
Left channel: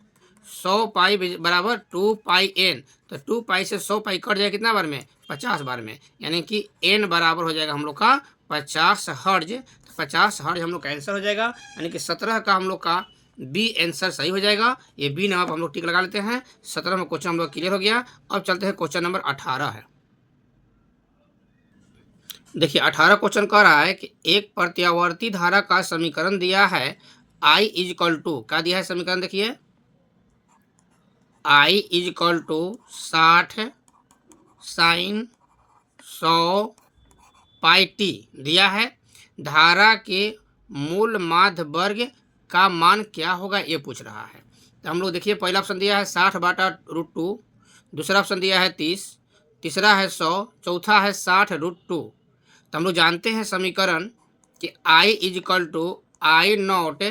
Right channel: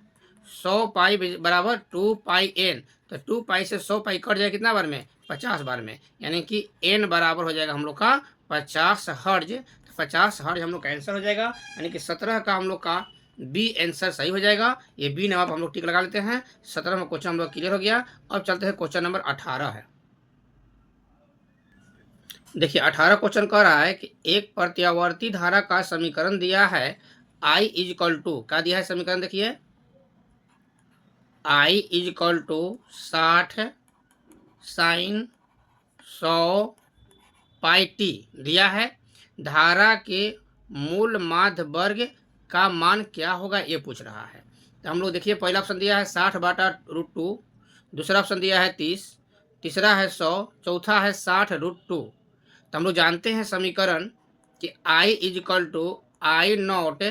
100 पाई बराबर 2 पाई एन, तो 2 पाई से 100 पाई कट जाएगा कितना बार में, 50 बार में, यानी कि एन बराबर हो जाएगा हम लोग का 50 हर्ज। 50 हर्ज हम लोग का आंसर हो जाएगा, यानी कि 17 का हम लोग का बी आंसर सही हो जाएगा। ये बी नंबर हम लोग टिक लगा लेते हैं। 17 में क्वेश्चन हम लोग क्लियर हो गया। अब चलते हैं क्वेश्चन नंबर 18 है। देखिए 18 क्वेश्चन कह रहा है कि एक प्रत्यावर्ती धारा का समीकरण दिया है, I इजिकल टू क्या दिया है समीकरण, देखिए I equal to 60 sine 100 pi T दिया है। धारा के मूल माध्य वर्ग का मान क्या होगा ये पूछ रहा है। तो हम लोग देखिए पहला ऑप्शन दिया है 60/√2, दूसरा ऑप्शन दिया है 30, तीसरा है 100, चौथा है 60√2। तो हम लोग जानते हैं समीकरण कि I equal to I naught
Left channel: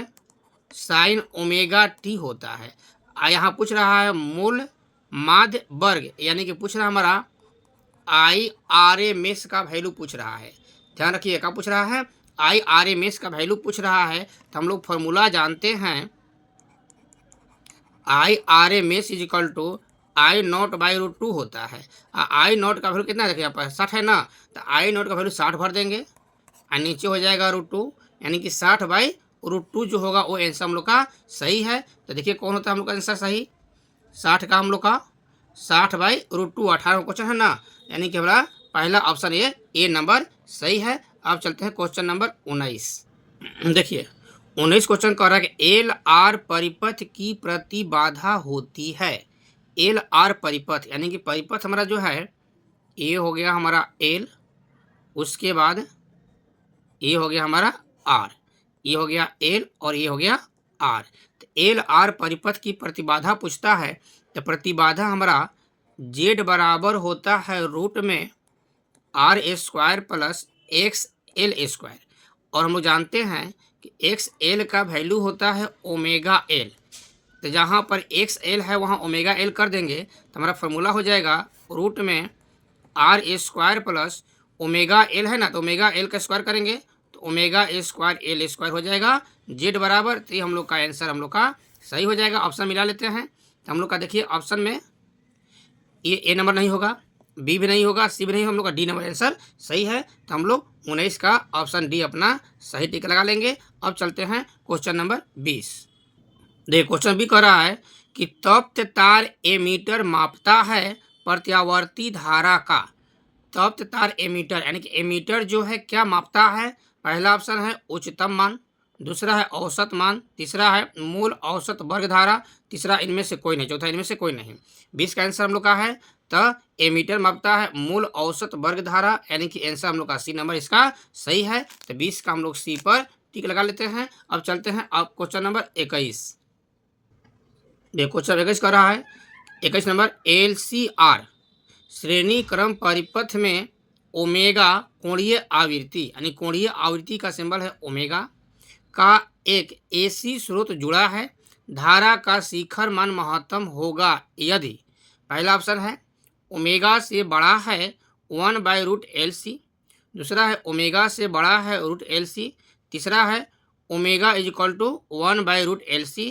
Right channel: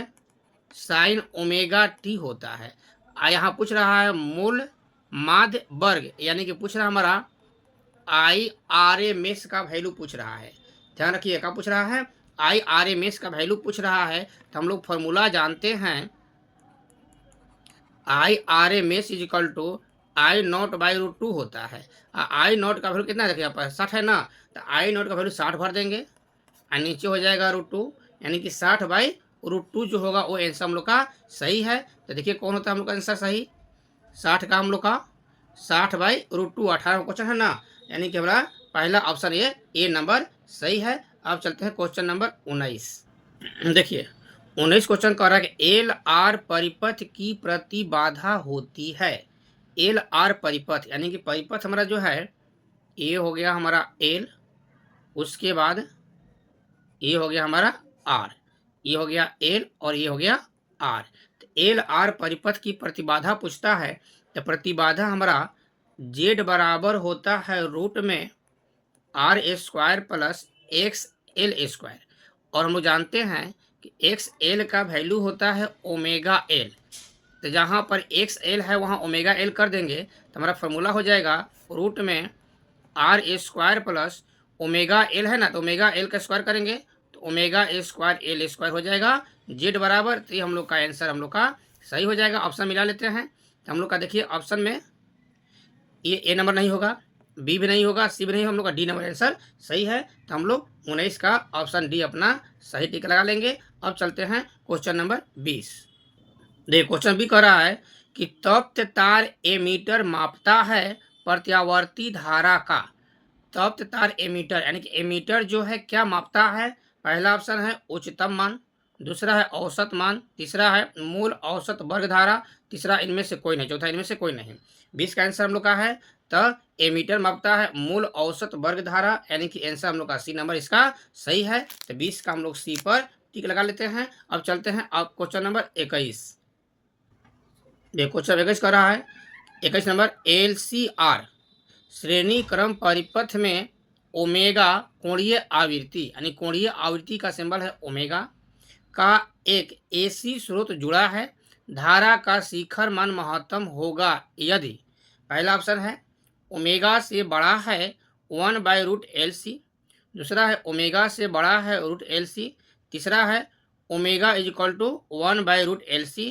sine omega T होता है। यहाँ पूछ रहा है मूल माध्य वर्ग, यानी कि पूछ रहा है हमारा IRMS का वैल्यू पूछ रहा है। ध्यान रखिए क्या पूछ रहा है, IRMS का वैल्यू पूछ रहा है। तो हम लोग फॉर्मूला जानते हैं, IRMS equal to I naught by √2 होता है। I नॉट का वैल्यू कितना देखिए यहाँ पर 60 है ना, तो I नॉट का वैल्यू 60 भर देंगे और नीचे हो जाएगा √2, यानी कि 60/√2 जो होगा वो आंसर हम लोग का सही है। तो देखिए कौन होता है हम लोग का आंसर सही, 60 का हम लोग का 60/√2, 18 क्वेश्चन है ना, यानी कि हमारा पहला ऑप्शन ए नंबर सही है। अब चलते हैं क्वेश्चन नंबर 19। देखिए 19 क्वेश्चन कह रहा है कि एल आर परिपथ की प्रतिबाधा होती है। एल आर परिपथ यानी कि परिपथ हमारा जो है, ये हो गया हमारा एल, उसके बाद ये हो गया हमारा आर, ये हो गया एल और ये हो गया आर। तो एल आर परिपथ की प्रतिबाधा पूछता है, तो प्रतिबाधा हमारा जेड बराबर होता है रूट में R² प्लस XL², और हम लोग जानते हैं कि XL का वैल्यू होता है ओमेगा एल। तो जहाँ पर XL है वहाँ ओमेगा एल कर देंगे, तो हमारा फॉर्मूला हो जाएगा रूट में R² प्लस ओमेगा एल है ना, तो ओमेगा एल का स्क्वायर करेंगे तो ओमेगा A²L² हो जाएगा जेड बराबर। तो ये हम लोग का आंसर हम लोग का सही हो जाएगा। ऑप्शन मिला लेते हैं, तो हम लोग का देखिए ऑप्शन में ये ए नंबर नहीं होगा, बी भी नहीं होगा, सी भी नहीं, हम लोग का डी नंबर आंसर सही है। तो हम लोग 19 का ऑप्शन डी अपना सही टिक लगा लेंगे। अब चलते हैं क्वेश्चन नंबर 20। देखिए क्वेश्चन बी कह रहा है कि तप्त तार एमीटर मापता है प्रत्यावर्ती धारा का। तप्त तार एमीटर यानी कि एमीटर जो है क्या मापता है, पहला ऑप्शन है उच्चतम मान, दूसरा है औसत मान, तीसरा है मूल औसत वर्ग धारा, तीसरा इनमें से कोई नहीं, चौथा इनमें से कोई नहीं। 20 का आंसर हम लोग का है, तो एमीटर मापता है मूल औसत वर्ग धारा, यानी कि आंसर हम लोग का सी नंबर इसका सही है। तो 20 का हम लोग सी पर टिक लगा लेते हैं। अब चलते हैं अब क्वेश्चन नंबर 21। देखो क्वेश्चन 21 कर रहा है, 21 नंबर LCR श्रेणी क्रम परिपथ में ओमेगा कोणीय आवृत्ति, यानी कोणीय आवृत्ति का सिंबल है ओमेगा का एक AC स्रोत जुड़ा है। धारा का शिखर मान महत्तम होगा यदि, पहला ऑप्शन है ओमेगा से बड़ा है 1/√LC, दूसरा है ओमेगा से बड़ा है √LC, तीसरा है omega is equal to 1/√LC।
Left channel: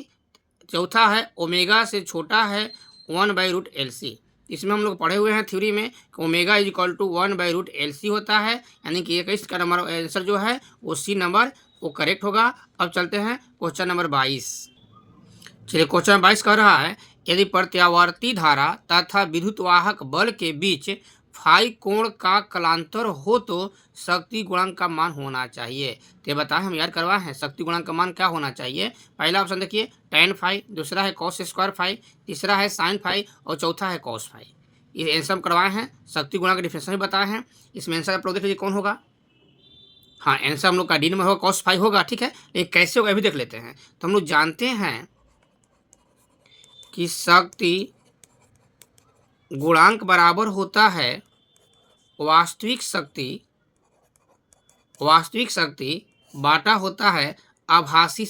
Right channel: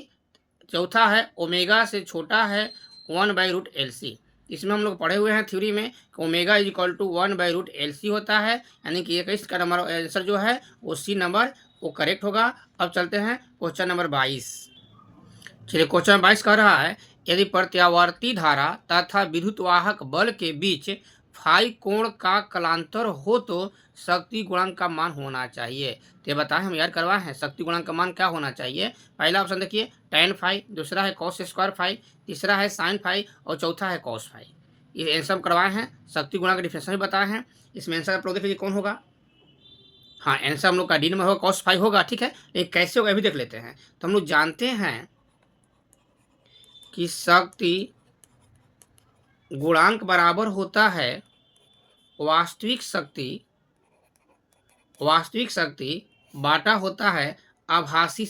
चौथा है ओमेगा से छोटा है 1/√LC। इसमें हम लोग पढ़े हुए हैं थ्योरी में कि omega is equal to 1/√LC होता है, यानी कि 21 का नंबर आंसर जो है वो सी नंबर वो करेक्ट होगा। अब चलते हैं क्वेश्चन नंबर 22। चलिए क्वेश्चन नंबर 22 कह रहा है यदि प्रत्यावर्ती धारा तथा विद्युतवाहक बल के बीच फाई कोण का कलांतर हो तो शक्ति गुणांक का मान होना चाहिए। तो ये बताएं, हम याद करवाए हैं शक्ति गुणांक का मान क्या होना चाहिए। पहला ऑप्शन देखिए tan फाई, दूसरा है cos स्क्वायर फाई, तीसरा है sin फाई और चौथा है cos फाई। ये आंसर हम करवाए हैं, शक्ति गुणांक का डिफिनेशन भी बताए हैं। इसमें आंसर आप लोग देख लीजिए कौन होगा। हाँ, आंसर हम लोग का डी नंबर होगा, cos फाई होगा। ठीक है, लेकिन कैसे होगा अभी देख लेते हैं। तो हम लोग जानते हैं कि शक्ति गुणांक बराबर होता है वास्तविक शक्ति बाटा होता है आभासी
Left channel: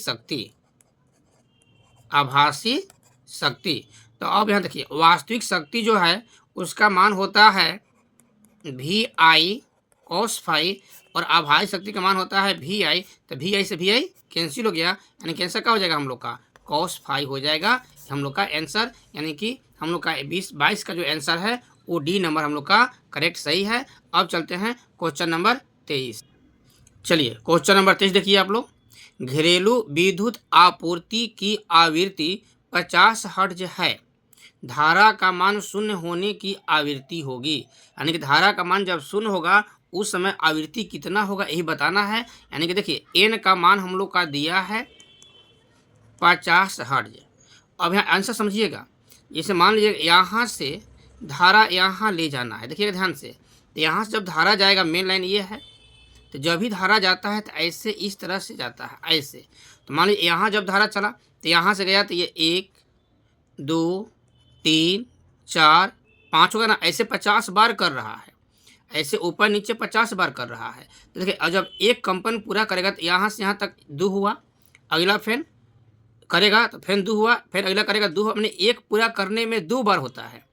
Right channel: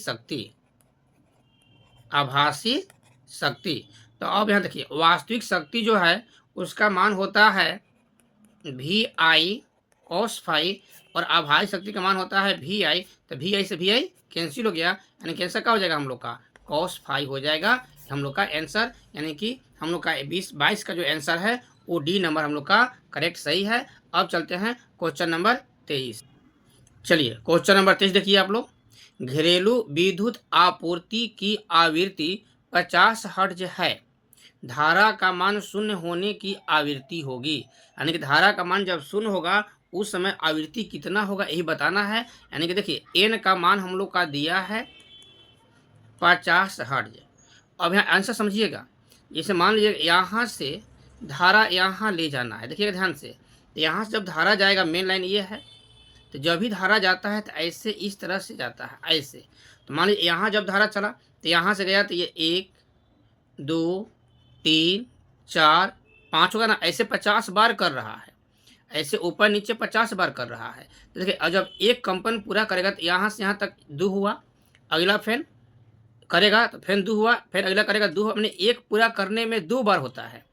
शक्ति। तो अब यहाँ देखिए वास्तविक शक्ति जो है उसका मान होता है VI cos फाई और आभासी शक्ति का मान होता है VI। तो VI से VI कैंसिल हो गया, यानी कि आंसर क्या हो जाएगा हम लोग का cos फाई हो जाएगा हम लोग का आंसर। यानी कि हम लोग का 22 का जो आंसर है वो डी नंबर हम लोग का करेक्ट सही है। अब चलते हैं क्वेश्चन नंबर 23। चलिए क्वेश्चन नंबर 23 देखिए आप लोग। घरेलू विद्युत आपूर्ति की आवृत्ति 50 हर्ट्ज है, धारा का मान शून्य होने की आवृत्ति होगी। यानी कि धारा का मान जब शून्य होगा उस समय आवृत्ति कितना होगा यही बताना है। यानी कि देखिए एन का मान हम लोग का दिया है 50 हर्ट्ज। अब यहाँ आंसर समझिएगा, जैसे मान लीजिए यहाँ से धारा यहाँ ले जाना है, देखिएगा ध्यान से। तो यहाँ से जब धारा जाएगा मेन लाइन ये है, तो जब भी धारा जाता है तो ऐसे इस तरह से जाता है ऐसे। तो मान लीजिए यहाँ जब धारा चला तो यहाँ से गया तो ये 1 2 3 4 5 होगा ना, ऐसे 50 बार कर रहा है, ऐसे ऊपर नीचे 50 बार कर रहा है। तो देखिए और जब एक कंपन पूरा करेगा तो यहाँ से यहाँ तक 2 हुआ, अगला फैन करेगा तो फैन 2 हुआ, फिर अगला करेगा 2 हुआ। अपने एक पूरा करने में 2 बार होता है,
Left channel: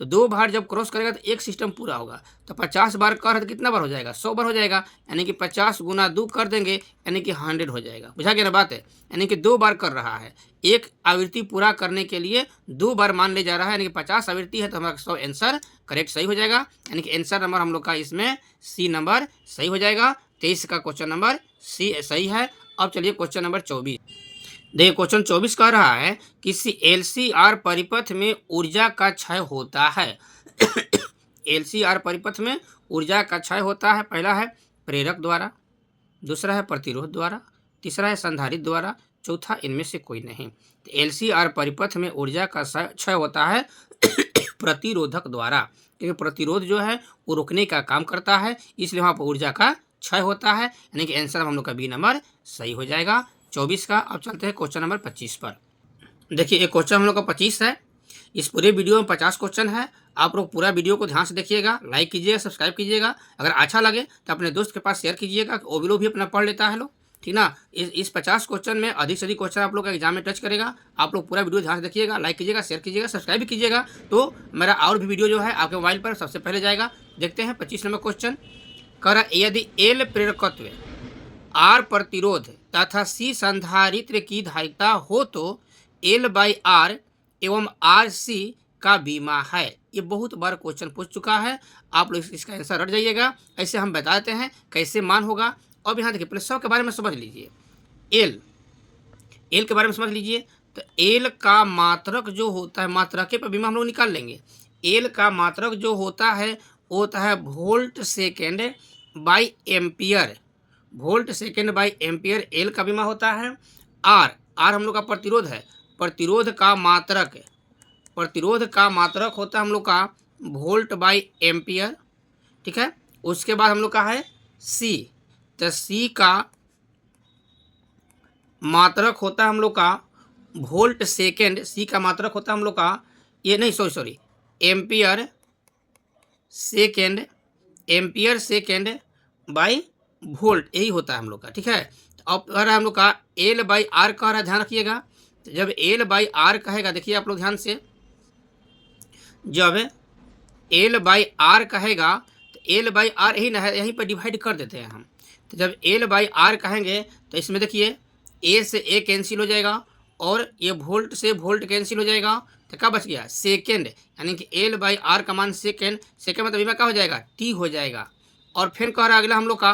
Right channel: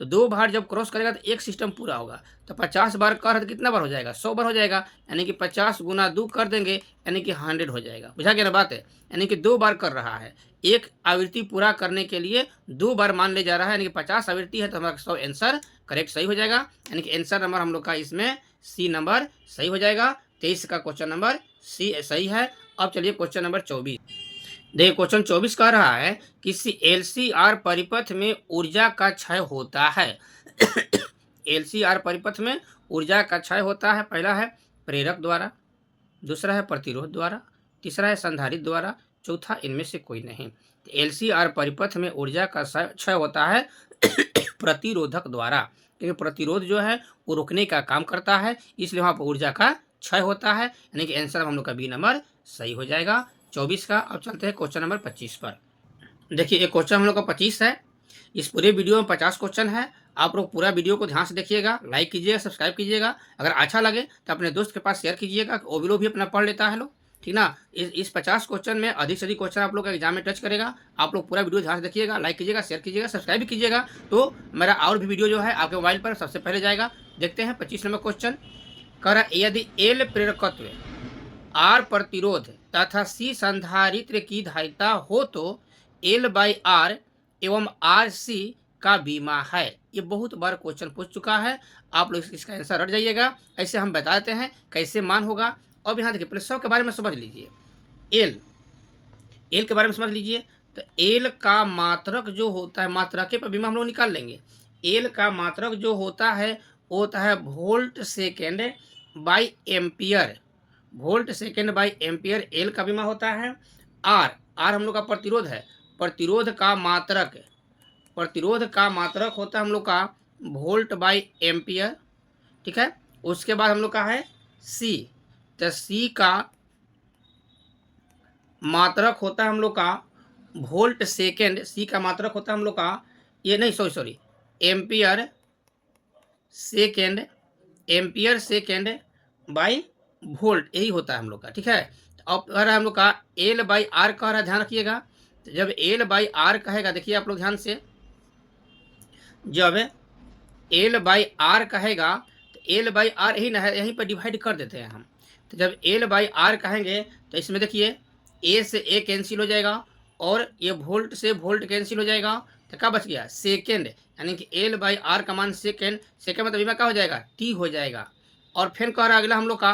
तो 2 बार जब क्रॉस करेगा तो एक सिस्टम पूरा होगा। तो 50 बार कर तो कितना बार हो जाएगा 100 बार हो जाएगा, यानी कि 50 गुना 2 कर देंगे यानी कि 100 हो जाएगा। बुझा गया ना बात है, यानी कि 2 बार कर रहा है, एक आवृत्ति पूरा करने के लिए 2 बार मान ले जा रहा है, यानी कि 50 आवृत्ति है तो हमारा 100 आंसर करेक्ट सही हो जाएगा। यानी कि आंसर नंबर हम लोग का इसमें सी नंबर सही हो जाएगा। 23 का क्वेश्चन नंबर सी सही है। अब चलिए क्वेश्चन नंबर 24 देखिए। क्वेश्चन 24 कह रहा है किसी LCR परिपथ में ऊर्जा का क्षय होता है। LCR परिपथ में ऊर्जा का क्षय होता है। पहला है प्रेरक द्वारा, दूसरा है प्रतिरोध द्वारा, तीसरा है संधारित्र द्वारा, चौथा इनमें से कोई नहीं। तो LCR परिपथ में ऊर्जा का क्षय होता है प्रतिरोधक द्वारा, क्योंकि प्रतिरोध जो है वो रोकने का काम करता है, इसलिए वहाँ पर ऊर्जा का क्षय होता है। यानी कि आंसर हम लोग का बी नंबर सही हो जाएगा 24 का। अब चलते हैं क्वेश्चन नंबर 25 पर। देखिए एक क्वेश्चन हम लोग का 25 है। इस पूरे वीडियो में 50 क्वेश्चन है। आप लोग पूरा वीडियो को ध्यान से देखिएगा, लाइक कीजिएगा, सब्सक्राइब कीजिएगा। अगर अच्छा लगे तो अपने दोस्त के पास शेयर कीजिएगा, वो भी लोग भी अपना पढ़ लेता है लोग, ठीक ना। इस 50 क्वेश्चन में अधिक से अधिक क्वेश्चन आप लोग का एग्जाम में टच करेगा। आप लोग पूरा वीडियो ध्यान से देखिएगा, लाइक कीजिएगा, शेयर कीजिएगा, सब्सक्राइब भी कीजिएगा, तो मेरा और भी वीडियो जो है आपके मोबाइल पर सबसे पहले जाएगा। देखते हैं 25 नंबर क्वेश्चन। कर यदि एल प्रेरकत्व, आर प्रतिरोध तथा सी संधारित्र की धारिता हो तो L/R एवं RC का बीमा है। ये बहुत बार क्वेश्चन पूछ चुका है, आप लोग इसका आंसर रट जाइएगा। ऐसे हम बताते हैं कैसे मान होगा। अब यहाँ देखिए पहले 100 के बारे में समझ लीजिए। एल के बारे में समझ लीजिए। तो एल का मात्रक जो होता है, मात्रक के पर बीमा हम लोग निकाल लेंगे। एल का मात्रक जो होता है वो होता है volt second by ampere, volt second by ampere L का बीमा होता है। आर हम लोग का प्रतिरोध है, प्रतिरोध का मात्रक होता है हम लोग का वोल्ट बाई एम्पियर, ठीक है। उसके बाद हम लोग का है सी, तो सी का मात्रक होता है हम लोग का वोल्ट सेकेंड, सी का मात्रक होता है हम लोग का ये नहीं sorry ampere second by volt, यही होता है हम लोग का, ठीक है। अब अगर हम लोग का L/R कह रहा है, ध्यान रखिएगा। तो जब L/R कहेगा, देखिए आप लोग ध्यान से, जब L/R कहेगा तो L/R यही ना है, यहीं पर डिवाइड कर देते हैं हम। तो जब एल बाई आर कहेंगे तो इसमें देखिए ए से ए कैंसिल हो जाएगा और ये वोल्ट से वोल्ट कैंसिल हो जाएगा। तो क्या बच गया? सेकेंड, यानी कि एल बाई आर का मान सेकेंड, सेकेंड मतलब क्या हो जाएगा? टी हो जाएगा। और फिर कह रहा है अगला हम लोग का,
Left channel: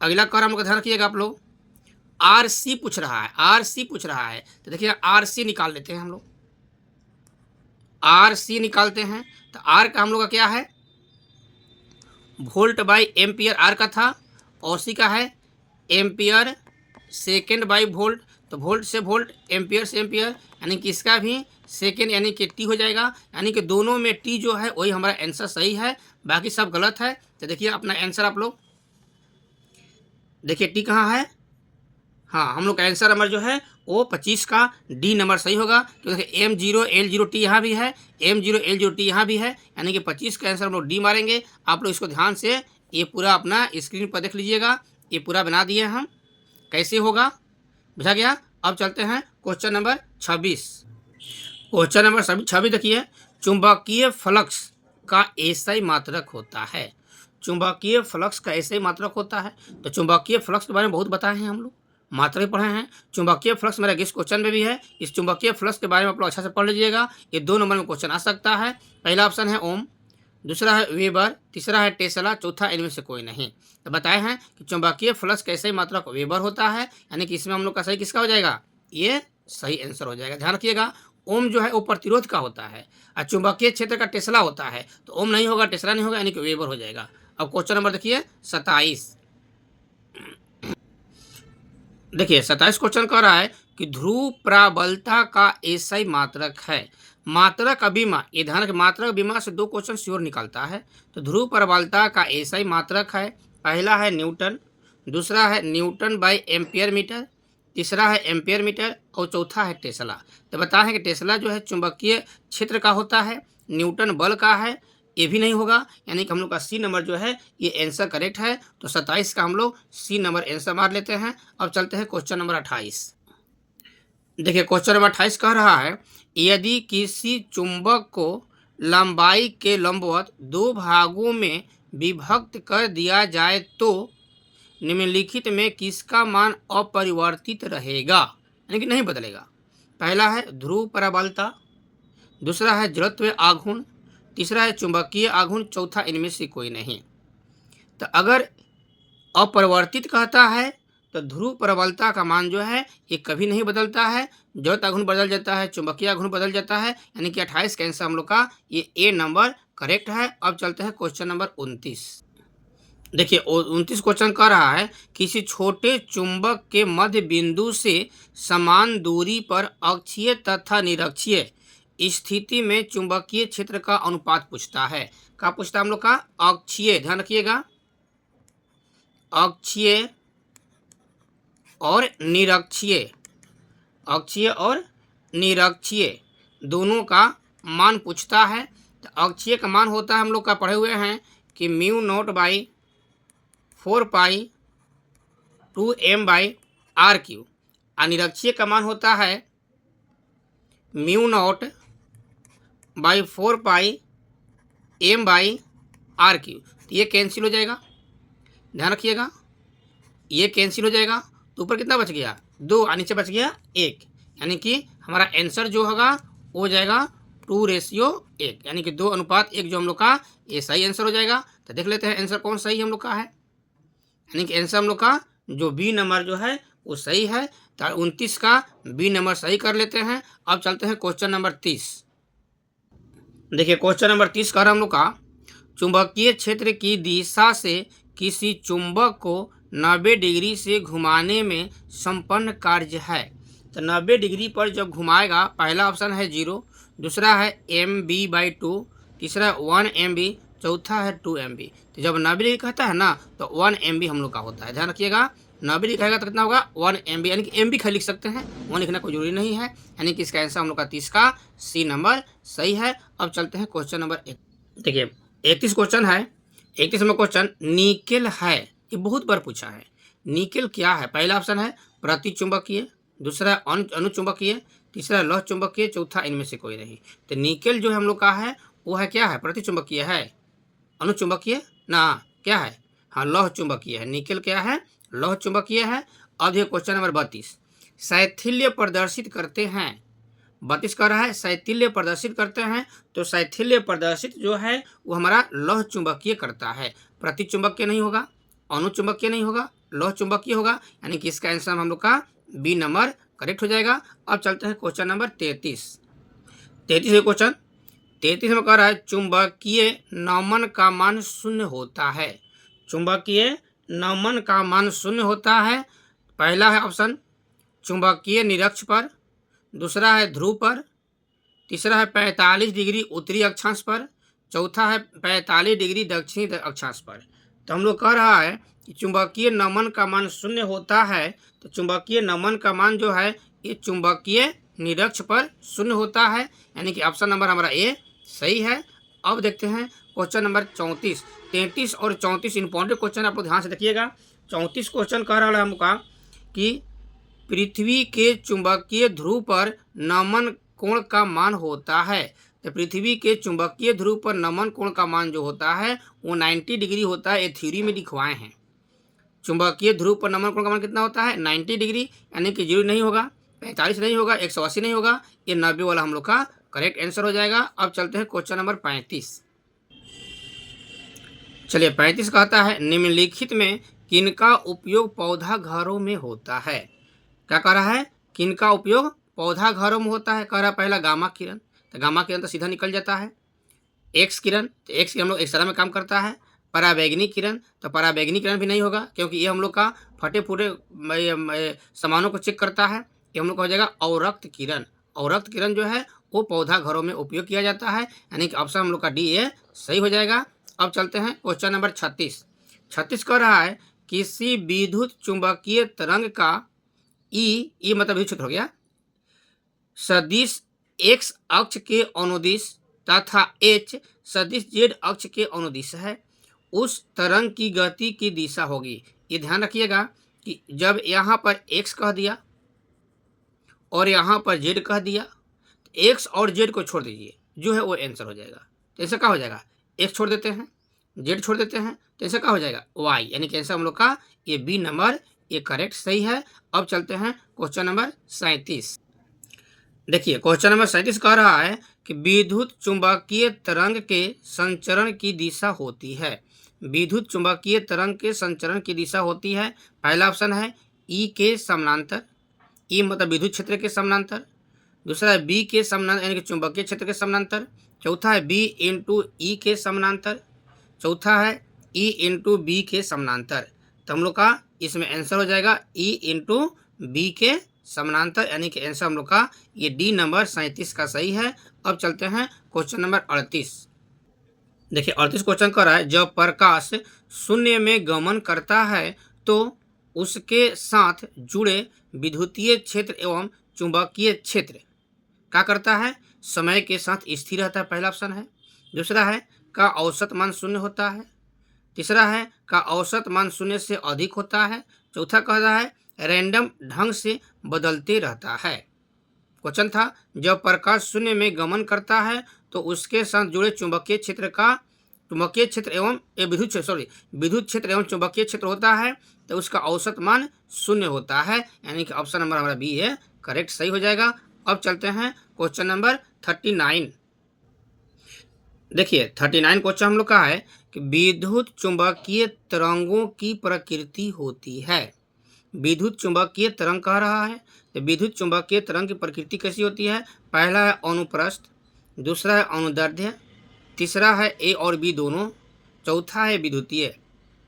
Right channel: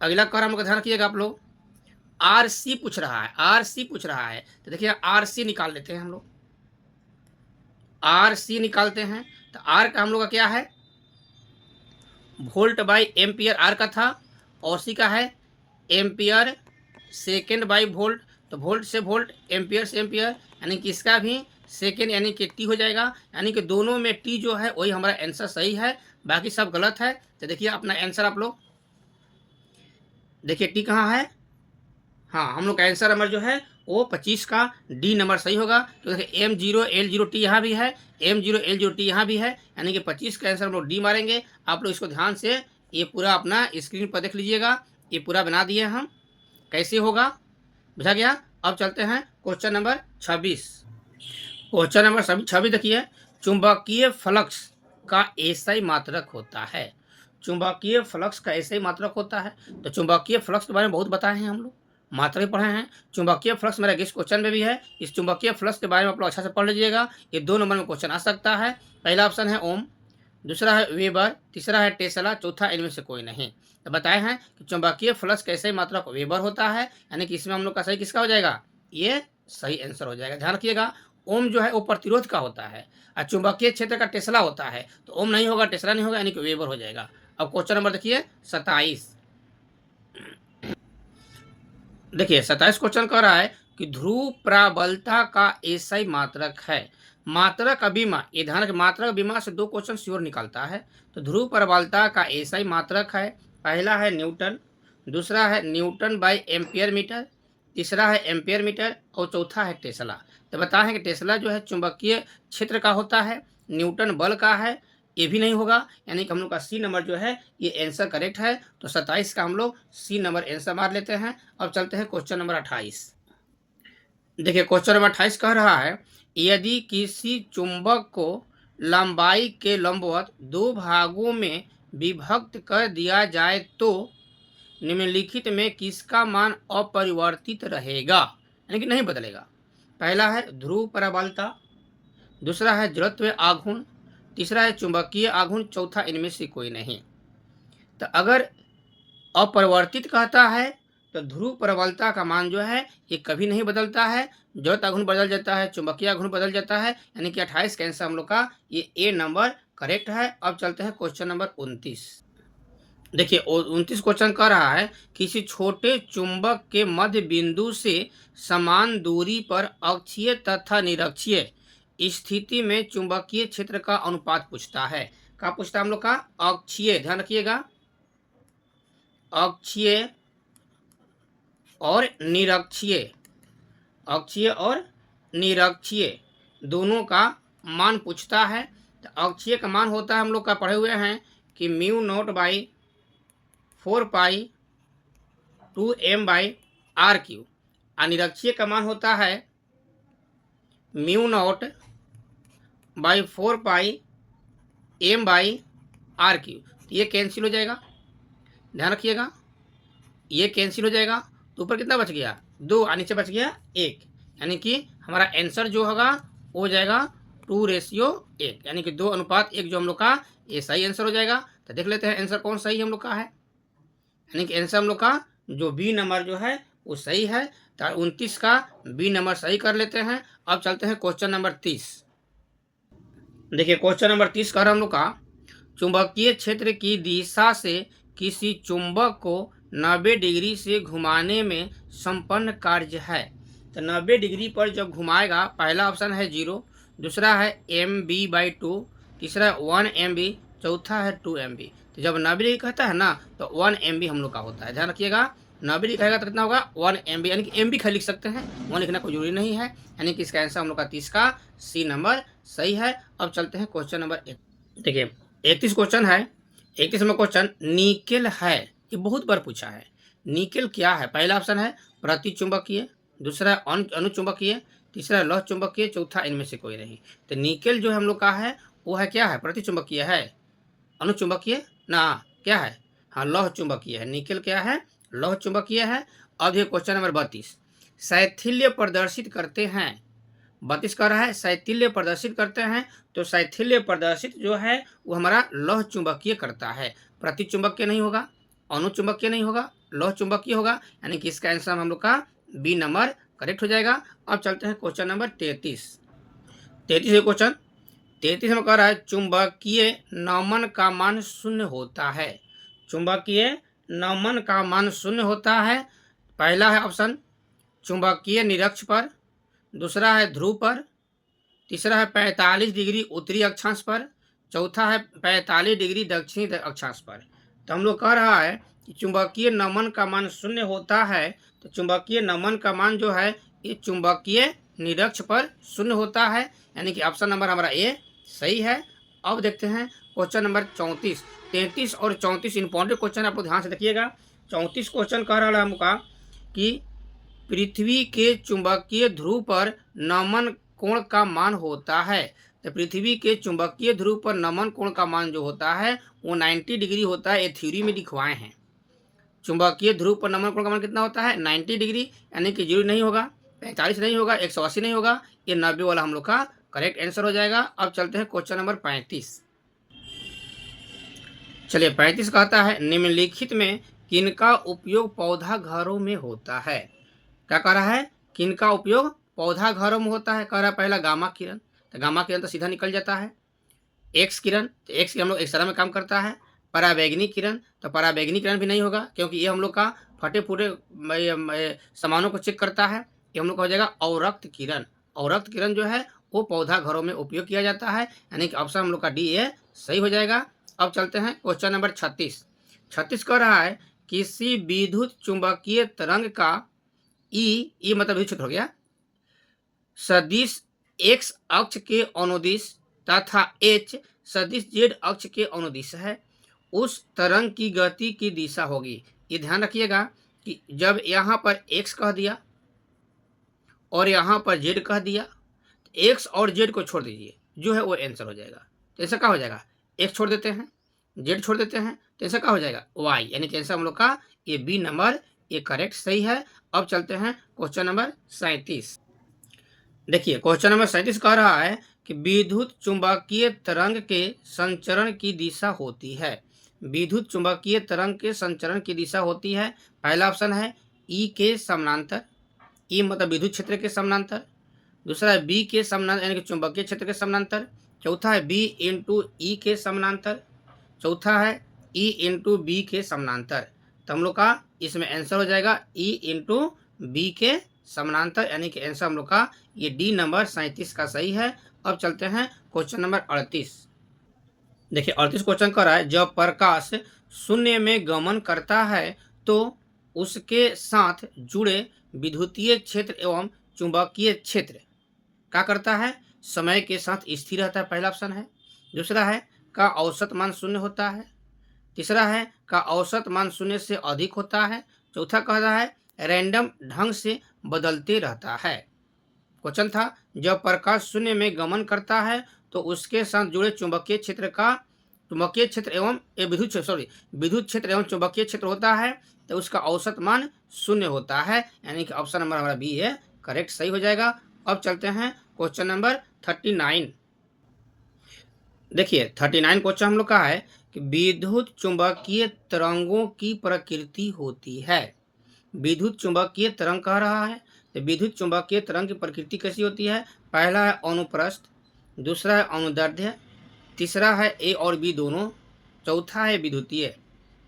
अगला कह रहा हम लोग का, ध्यान रखिएगा आप लोग, आर सी पूछ रहा है, आर सी पूछ रहा है। तो देखिए आर सी निकाल लेते हैं हम लोग, आर सी निकालते हैं। तो आर का हम लोग का क्या है? वोल्ट बाई एम्पियर आर का था, और सी का है एम्पियर सेकेंड बाई वोल्ट। तो वोल्ट से वोल्ट, एम्पियर से एम्पियर, यानी कि इसका भी सेकेंड यानी कि टी हो जाएगा। यानी कि दोनों में टी जो है वही हमारा आंसर सही है, बाकी सब गलत है। तो देखिए अपना आंसर आप लोग देखिए, टी कहाँ है? हाँ, हम लोग का आंसर नंबर जो है वो 25 का डी नंबर सही होगा। तो देखिए M0L0T यहाँ भी है, M0L0T यहाँ भी है, यानी कि 25 का आंसर हम लोग डी मारेंगे। आप लोग इसको ध्यान से ये पूरा अपना स्क्रीन पर देख लीजिएगा, ये पूरा बना दिए हम, कैसे होगा बुझा गया। अब चलते हैं क्वेश्चन नंबर 26। क्वेश्चन नंबर 26 देखिए, चुंबकीय फ्लक्स का एसआई मात्रक होता है। चुंबकीय फ्लक्स का एसआई मात्रक होता है। तो चुंबकीय फ्लक्स के बारे में बहुत बताए हैं हम लोग, मात्रा भी पढ़े हैं। चुंबकीय फ्लक्स मेरा गेस्ट क्वेश्चन में भी है। इस चुंबकीय फ्लक्स के बारे में आप लोग अच्छा से पढ़ लीजिएगा, ये 2 नंबर में क्वेश्चन आ सकता है। पहला ऑप्शन है ओम, दूसरा है वेबर, तीसरा है टेस्ला, चौथा इनमें से कोई नहीं। तो बताए हैं कि चुंबकीय फ्लक्स का एसआई मात्रक वेबर होता है, यानी कि इसमें हम लोग का सही किसका हो जाएगा? ये सही आंसर हो जाएगा। ध्यान रखिएगा, ओम जो है वो प्रतिरोध का होता है और चुंबकीय क्षेत्र का टेस्ला होता है। तो ओम नहीं होगा, टेस्ला नहीं होगा, यानी कि वेबर हो जाएगा। अब क्वेश्चन नंबर देखिए 27। देखिए 27 क्वेश्चन कह रहा है कि ध्रुव प्रबलता का एसआई मात्रक है। मात्रक अभिमा, ये ध्यान रखें, मात्रक अभिमा से 2 क्वेश्चन श्योर निकलता है। तो ध्रुव प्रबलता का एसआई मात्रक है, पहला है न्यूटन, दूसरा है न्यूटन बाई एम्पियर मीटर, तीसरा है एम्पियर मीटर और चौथा है टेस्ला। तो बता है कि टेस्ला जो है चुंबकीय क्षेत्र का होता है, न्यूटन बल का है, ये भी नहीं होगा, यानी कि हम लोग का सी नंबर जो है ये आंसर करेक्ट है। तो 27 का हम लोग सी नंबर आंसर मार लेते हैं। अब चलते हैं क्वेश्चन नंबर 28। देखिए क्वेश्चन नंबर 28 कह रहा है, यदि किसी चुंबक को लंबाई के लंबवत 2 भागों में विभक्त कर दिया जाए तो निम्नलिखित में किसका मान अपरिवर्तित रहेगा, यानी कि नहीं बदलेगा? पहला है ध्रुव प्रबलता, दूसरा है जड़त्व आघूर्ण, तीसरा है चुंबकीय आघूर्ण, चौथा इनमें से कोई नहीं। तो अगर अपरिवर्तित कहता है तो ध्रुव प्रबलता का मान जो है ये कभी नहीं बदलता है, जड़त्व आघूर्ण बदल जाता है, चुंबकीय आघूर्ण बदल जाता है, यानी कि 28 का आंसर हम लोग का ये ए नंबर करेक्ट है। अब चलते हैं क्वेश्चन नंबर 29। देखिए 29 क्वेश्चन कह रहा है, किसी छोटे चुंबक के मध्य बिंदु से समान दूरी पर अक्षीय तथा निरक्षीय स्थिति में चुंबकीय क्षेत्र का अनुपात पूछता है। क्या पूछता है हम लोग का? अक्षीय, ध्यान रखिएगा, अक्षीय और निरक्षीय, अक्षीय और निरक्षीय दोनों का मान पूछता है। तो अक्षीय का मान होता है, हम लोग का पढ़े हुए हैं कि mu naught by 4 pi 2m by R Q, और निरक्षीय का मान होता है mu naught by 4 pi m by R Q. तो ये कैंसिल हो जाएगा, ध्यान रखिएगा, ये कैंसिल हो जाएगा। तो ऊपर कितना बच गया? 2 और नीचे बच गया 1, यानी कि हमारा आंसर जो होगा वो हो जाएगा 2:1, यानी कि 2:1 जो हम लोग का ये सही आंसर हो जाएगा। तो देख लेते हैं आंसर कौन सही हम लोग का है, यानी कि आंसर हम लोग का जो बी नंबर जो है वो सही है। तो 29 का बी नंबर सही कर लेते हैं। अब चलते हैं क्वेश्चन नंबर 30। देखिए क्वेश्चन नंबर 30 का हम लोग का, चुंबकीय क्षेत्र की दिशा से किसी चुंबक को 90 डिग्री से घुमाने में संपन्न कार्य है। तो 90 डिग्री पर जब घुमाएगा, पहला ऑप्शन है 0, दूसरा है MB/2, तीसरा 1 MB, चौथा है 2 MB। तो जब 90 डिग्री कहता है ना तो 1 MB हम लोग का होता है, ध्यान रखिएगा। 90 डिग्री कहेगा तो कितना होगा? 1 MB, यानी कि MB लिख सकते हैं, 1 लिखना कोई जरूरी नहीं है, यानी कि इसका आंसर हम लोग का 30 का सी नंबर सही है। अब चलते हैं क्वेश्चन नंबर 1। देखिए 31 क्वेश्चन है। 31 में क्वेश्चन निकेल है, ये बहुत बार पूछा है। निकेल क्या है? पहला ऑप्शन है प्रतिचुंबकीय, दूसरा अनुचुंबकीय, तीसरा लौह चुंबकीय, चौथा इनमें से कोई नहीं। तो निकेल जो हम लोग का है वो है क्या है? प्रतिचुंबकीय है, अनुचुंबकीय ना क्या है? हाँ, लौह चुंबकीय है। निकेल क्या है? लौह चुंबकीय है। अब ये क्वेश्चन नंबर 32, शैथिल्य प्रदर्शित करते हैं। 32 कह रहा है शैथिल्य प्रदर्शित करते हैं, तो शैथिल्य प्रदर्शित जो है वो हमारा लौह चुंबकीय करता है, प्रति चुंबकीय नहीं होगा, अनुचुंबकीय नहीं होगा, लौह चुंबकीय होगा। यानी कि इसका आंसर हम लोग का बी नंबर करेक्ट हो जाएगा। अब चलते हैं क्वेश्चन नंबर 33। 33 क्वेश्चन 33 में कह रहा है चुंबकीय नमन का मान शून्य होता है। चुंबकीय नमन का मान शून्य होता है। पहला है ऑप्शन चुंबकीय निरक्ष पर, दूसरा है ध्रुव पर, तीसरा है 45 डिग्री उत्तरी अक्षांश पर, चौथा है 45 डिग्री दक्षिणी अक्षांश पर। तो हम लोग कह रहा है कि चुंबकीय नमन का मान शून्य होता है, तो चुंबकीय नमन का मान जो है ये चुंबकीय निरक्ष पर शून्य होता है, यानी कि ऑप्शन नंबर हमारा ए सही है। अब देखते हैं क्वेश्चन नंबर 34। 33 और 34 इंपॉर्टेंट क्वेश्चन, आप लोग ध्यान से देखिएगा। 34 क्वेश्चन कह रहा है हमका कि पृथ्वी के चुंबकीय ध्रुव पर नमन कोण का मान होता है। तो पृथ्वी के चुंबकीय ध्रुव पर नमन कोण का मान जो होता है वो 90 डिग्री होता है। ये थ्योरी में लिखवाए हैं। चुंबकीय ध्रुव पर नमन कोण का मान कितना होता है? 90 डिग्री, यानी कि 0 नहीं होगा, 45 नहीं होगा, 180 नहीं होगा, ये 90 वाला हम लोग का करेक्ट आंसर हो जाएगा। अब चलते हैं क्वेश्चन नंबर 35। चलिए 35 कहता है निम्नलिखित में किनका उपयोग पौधा घरों में होता है? क्या कह रहा है? किनका उपयोग पौधा घरों में होता है? कह रहा है पहला गामा किरण, तो गामा किरण तो सीधा निकल जाता है। एक्स किरण, तो एक्स किरण हम लोग एक्सरे में काम करता है। पराबैंगनी किरण, तो पराबैंगनी किरण भी नहीं होगा, क्योंकि ये हम लोग का फटे फूटे सामानों को चेक करता है। ये हम लोग का हो जाएगा अवरक्त किरण। अवरक्त किरण जो है वो पौधा घरों में उपयोग किया जाता है, यानी कि ऑप्शन हम लोग का डी ए सही हो जाएगा। अब चलते हैं क्वेश्चन नंबर 36। 36 कह रहा है किसी विद्युत चुंबकीय तरंग का ई मतलब विद्युत क्षेत्र हो गया, सदिश एक्स अक्ष के अनुदिश तथा एच सदिश जेड अक्ष के अनुदिश है, उस तरंग की गति की दिशा होगी। ये ध्यान रखिएगा कि जब यहाँ पर एक्स कह दिया और यहाँ पर जेड कह दिया, एक्स और जेड को छोड़ दीजिए, जो है वो आंसर हो जाएगा। तो ऐसा क्या हो जाएगा? एक्स छोड़ देते हैं, जेड छोड़ देते हैं, तो ऐसा क्या हो जाएगा? वाई, यानी कि आंसर हम लोग का ये बी नंबर ये करेक्ट सही है। अब चलते हैं क्वेश्चन नंबर 37। देखिए क्वेश्चन नंबर 37 कह रहा है कि विद्युत चुंबकीय तरंग के संचरण की दिशा होती है। विद्युत चुंबकीय तरंग के संचरण की दिशा होती है। पहला ऑप्शन है ई के समानांतर, ई मतलब विद्युत क्षेत्र के समानांतर। दूसरा है बी के समानांतर, यानी कि चुंबकीय क्षेत्र के समानांतर। चौथा है बी इंटू ई के समानांतर। चौथा है ई इंटू बी के समानांतर। तो हम लोग का इसमें आंसर हो जाएगा ई इंटू बी के समानांतर, यानी कि आंसर हम लोग का ये डी नंबर 37 का सही है। अब चलते हैं क्वेश्चन नंबर 38। देखिए 38 क्वेश्चन कर रहा है जब प्रकाश शून्य में गमन करता है तो उसके साथ जुड़े विद्युतीय क्षेत्र एवं चुंबकीय क्षेत्र क्या करता है? समय के साथ स्थिर रहता है, पहला ऑप्शन है। दूसरा है का औसत मान शून्य होता है। तीसरा है का औसत मान शून्य से अधिक होता है। चौथा कह रहा है रैंडम ढंग से बदलते रहता है। क्वेश्चन था जब प्रकाश शून्य में गमन करता है तो उसके साथ जुड़े चुंबकीय क्षेत्र एवं विद्युत क्षेत्र एवं चुंबकीय क्षेत्र होता है, तो उसका औसत मान शून्य होता है, यानी कि ऑप्शन नंबर हमारा बी है करेक्ट सही हो जाएगा। अब चलते हैं क्वेश्चन नंबर 39। देखिए 39 क्वेश्चन हम लोग का है कि विद्युत चुंबकीय तरंगों की प्रकृति होती है। विद्युत चुंबकीय तरंग कह रहा है, तो विद्युत चुंबकीय तरंग की प्रकृति कैसी होती है? पहला है अनुप्रस्थ, दूसरा है अनुदैर्ध्य, तीसरा है ए और बी दोनों, चौथा है विद्युतीय।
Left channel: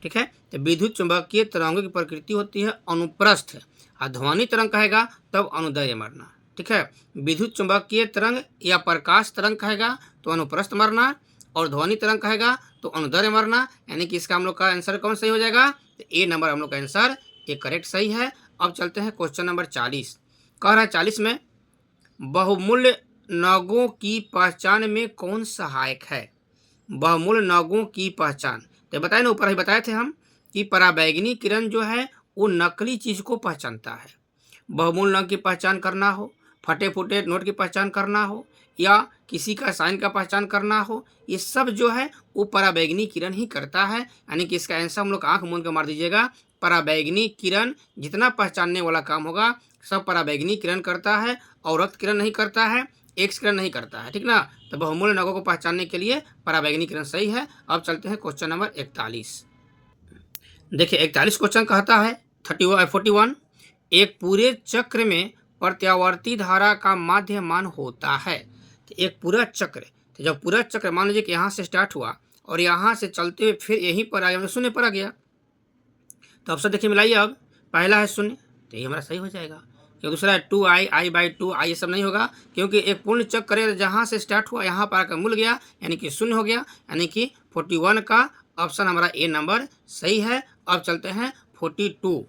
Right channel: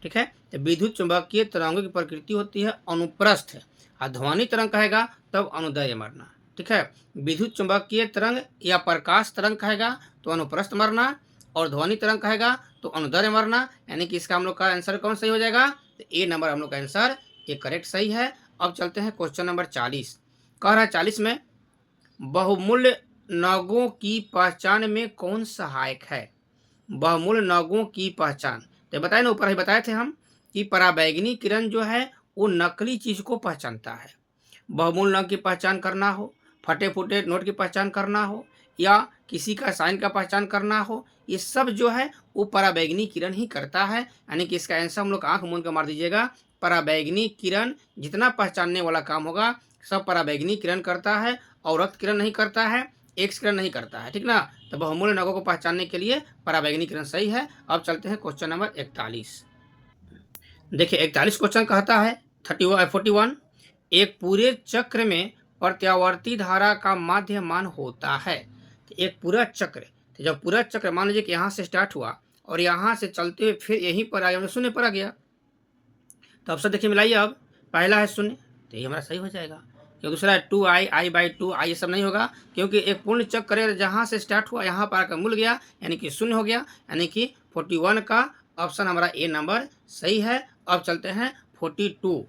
ठीक है, तो विद्युत चुंबकीय तरंगों की प्रकृति होती है अनुप्रस्थ, और ध्वनि तरंग कहेगा तब अनुदैर्ध्य मरना। ठीक है, विद्युत चुंबकीय तरंग या प्रकाश तरंग कहेगा तो अनुप्रस्थ मरना, और ध्वनि तरंग कहेगा तो अनुदैर्ध्य मरना, यानी कि इसका हम लोग का आंसर कौन सही हो जाएगा? तो ए नंबर हम लोग का आंसर ये करेक्ट सही है। अब चलते हैं क्वेश्चन नंबर 40। कह रहा है 40 में बहुमूल्य नगों की पहचान में कौन सहायक है? बहुमूल्य नगों की पहचान, तो बताए ना, ऊपर ही बताए थे हम कि पराबैंगनी किरण जो है वो नकली चीज को पहचानता है। बहुमूल्य नग की पहचान करना हो, फटे फूटे नोट की पहचान करना हो, या किसी का साइन का पहचान करना हो, ये सब जो है वो पराबैंगनी किरण ही करता है। यानी कि इसका आंसर हम लोग आंख मूंद कर मार दीजिएगा, पराबैंगनी किरण जितना पहचानने वाला काम होगा सब पराबैंगनी किरण करता है और रक्त किरण नहीं करता है, एक्स किरण नहीं करता है, ठीक ना। तो बहुमूल्य नगों को पहचानने के लिए पराबैंगनी किरण सही है। अब चलते हैं क्वेश्चन नंबर 41। देखिए 41 क्वेश्चन कहता है 41 एक पूरे चक्र में प्रत्यावर्ती धारा का माध्य मान होता है। तो एक पूरा चक्र, तो जब पूरा चक्र मान लीजिए कि यहाँ से स्टार्ट हुआ और यहाँ से चलते हुए फिर यहीं पर आ गया, शून्य पर आ गया, तो ऑप्शन देखिए मिलाइए। अब पहला है शून्य, तो ये हमारा सही हो जाएगा। क्योंकि दूसरा है 2i, i/2, i ये सब नहीं होगा, क्योंकि एक पूर्ण चक्र जहाँ से स्टार्ट हुआ यहाँ पर आकर मिल गया, यानी कि शून्य हो गया। यानी कि 41 का ऑप्शन हमारा ए नंबर सही है। अब चलते हैं 42।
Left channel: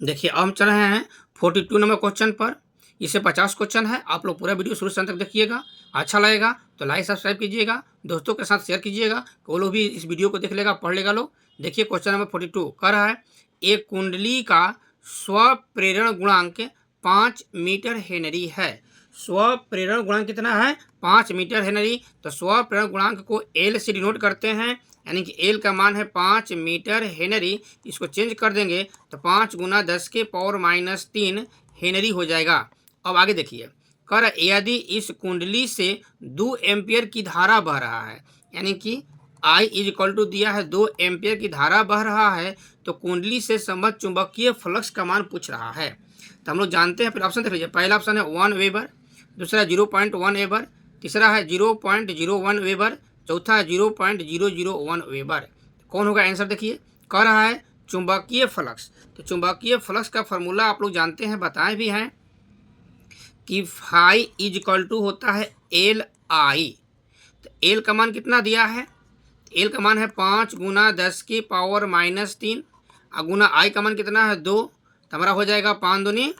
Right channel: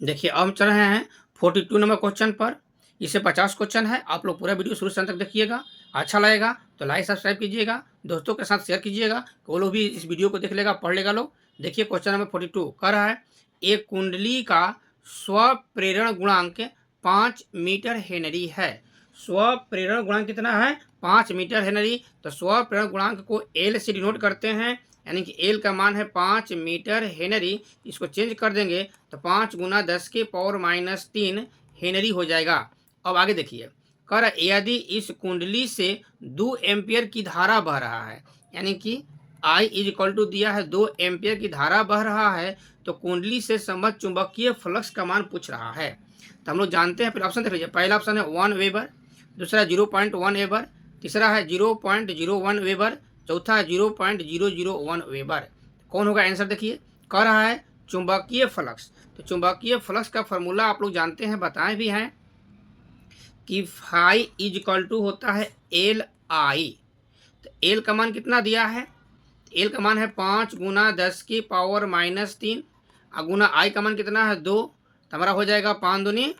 देखिए अब हम चल रहे हैं 42 नंबर क्वेश्चन पर। इसे 50 क्वेश्चन है। आप लोग पूरा वीडियो शुरू से अंत तक देखिएगा। अच्छा लगेगा तो लाइक सब्सक्राइब कीजिएगा, दोस्तों के साथ शेयर कीजिएगा, वो लोग भी इस वीडियो को देख लेगा, पढ़ लेगा लोग। देखिए क्वेश्चन नंबर 42 कह रहा है एक कुंडली का स्वप्रेरण गुणांक 5 मीटर हेनरी है। स्वप्रेरण गुणांक कितना है? 5 मीटर हेनरी। तो स्वप्रेरण गुणांक को एल से डिनोट करते हैं, यानी कि एल का मान है 5 मीटर हेनरी। इसको चेंज कर देंगे तो 5 × 10⁻³ हेनरी हो जाएगा। अब आगे देखिए, कर यदि इस कुंडली से 2 एम्पियर की धारा बह रहा है, यानी कि I = दिया है 2 एम्पियर की धारा बह रहा है, तो कुंडली से संबद्ध चुंबकीय फ्लक्स का मान पूछ रहा है। तो हम लोग जानते हैं, फिर ऑप्शन देख लीजिए। पहला ऑप्शन है 1 वेबर, दूसरा 0.1 वेबर, तीसरा है 0.01 वेबर, चौथा है 0.001 वेबर। कौन होगा आंसर? देखिए कह रहा है चुंबकीय फ्लक्स। तो चुंबकीय फ्लक्स का फॉर्मूला आप लोग जानते हैं, बताए भी हैं कि फाई = होता है LI। तो एल का मान कितना दिया है? एल का मान है 5 × 10⁻³ और गुना आई का मान कितना है 2। तो हमारा हो जाएगा 5 दूनी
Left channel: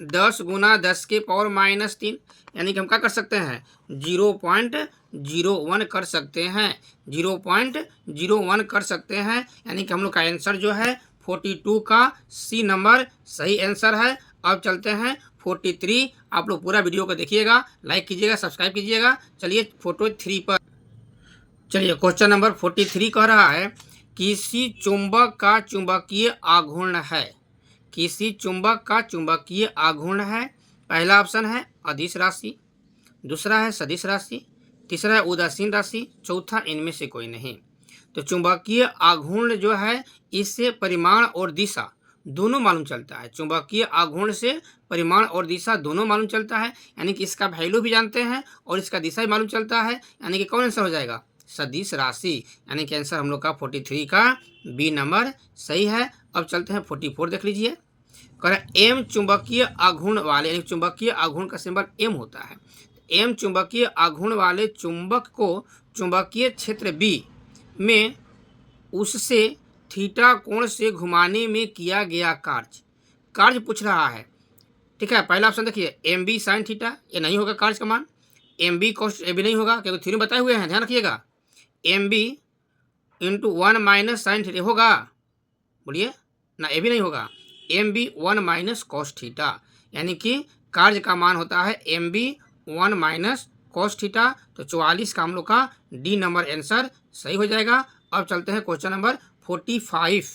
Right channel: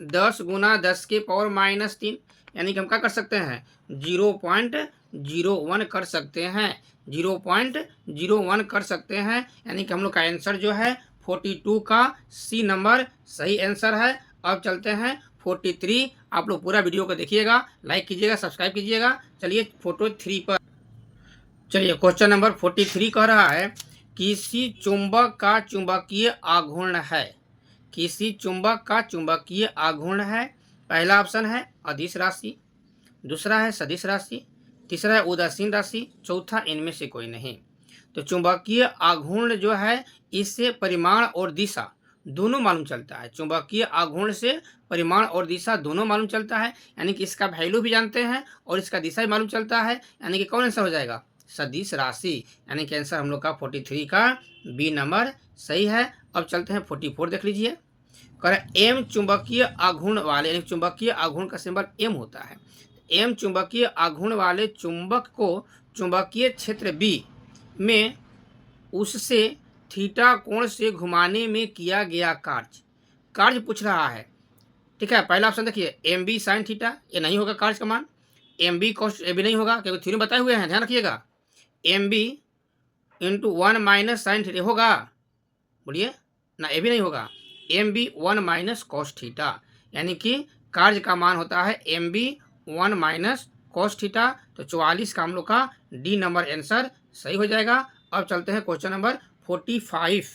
10 × 10⁻³ यानी कि हम क्या कर सकते हैं? 0.01 कर सकते हैं, 0.01 कर सकते हैं। यानी कि हम लोग का आंसर जो है 42 का सी नंबर सही आंसर है। अब चलते हैं 43। आप लोग पूरा वीडियो को देखिएगा, लाइक कीजिएगा, सब्सक्राइब कीजिएगा। चलिए 43 पर चलिए। क्वेश्चन नंबर 43 कह रहा है किसी चुंबक का चुंबकीय आघूर्ण है। किसी चुंबक का चुंबकीय आघूर्ण है। पहला ऑप्शन है अदिश राशि, दूसरा है सदिश राशि, तीसरा है उदासीन राशि, चौथा इनमें से कोई नहीं। तो चुंबकीय आघूर्ण जो है इससे परिमाण और दिशा दोनों मालूम चलता है। चुंबकीय आघूर्ण से परिमाण और दिशा दोनों मालूम चलता है, यानी कि इसका वैल्यू भी जानते हैं और इसका दिशा भी मालूम चलता है। यानी कि कौन आंसर हो जाएगा? सदिश राशि। यानी कि आंसर हम लोग का 43 का बी नंबर सही है। अब चलते हैं 44 देख लीजिए। कह एम चुंबकीय आघूर्ण वाले, यानी चुंबकीय आघूर्ण का सिंबल एम होता है। एम चुंबकीय आघूर्ण वाले चुंबक को चुंबकीय क्षेत्र बी में उससे थीटा कोण से घुमाने में किया गया कार्य पूछ रहा है। ठीक है, पहला ऑप्शन देखिए MB sin थीटा, ये नहीं होगा कार्य का मान। MB cos ये भी नहीं होगा, क्योंकि थ्योरी बताए हुए हैं, ध्यान रखिएगा। MB × 1 - sin थीटा होगा, बोलिए ना, ये भी नहीं होगा। MB 1 - cos थीटा, यानी कि कार्य का मान होता है MB 1 - cos थीटा। तो 44 का हम लोग का डी नंबर आंसर सही हो जाएगा। अब चलते हैं क्वेश्चन नंबर 45।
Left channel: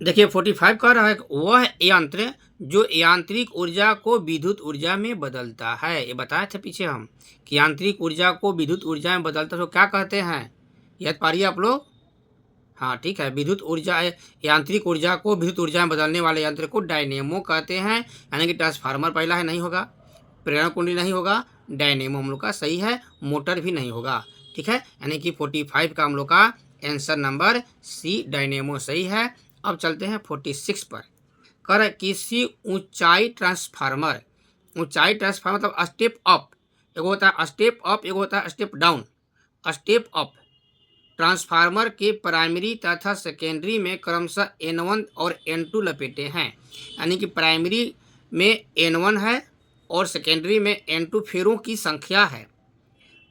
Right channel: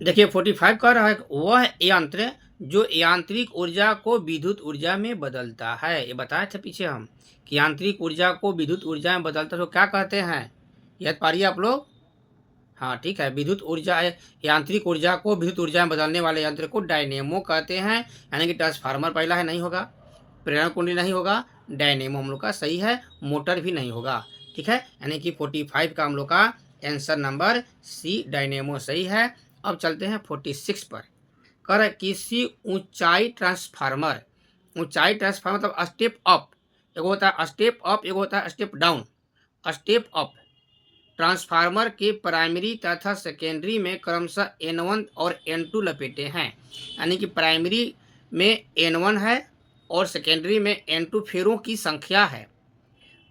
देखिए 45 कह रहा है वह यंत्र जो यांत्रिक ऊर्जा को विद्युत ऊर्जा में बदलता है। ये बताए थे पीछे हम कि यांत्रिक ऊर्जा को विद्युत ऊर्जा में बदलता है, तो क्या कहते हैं? याद पारिए आप लोग। हाँ ठीक है, विद्युत ऊर्जा, यांत्रिक ऊर्जा को विद्युत ऊर्जा में बदलने वाले यंत्र को डायनेमो कहते हैं। यानी कि ट्रांसफार्मर पहला है, नहीं होगा। प्रेरण कुंडली नहीं होगा। डायनेमो हम लोग का सही है। मोटर भी नहीं होगा। ठीक है, यानी कि 45 का हम लोग का आंसर नंबर सी डायनेमो सही है। अब चलते हैं 46 पर। कर किसी ऊंचाई ट्रांसफार्मर, ऊंचाई ट्रांसफार्मर मतलब स्टेप अप, एक होता है स्टेप अप, एक होता है step down. Step up transformer के प्राइमरी तथा सेकेंडरी में क्रमशः N1 और N2 लपेटे हैं। यानी कि प्राइमरी में N1 है और सेकेंडरी में N2 फेरों की संख्या है।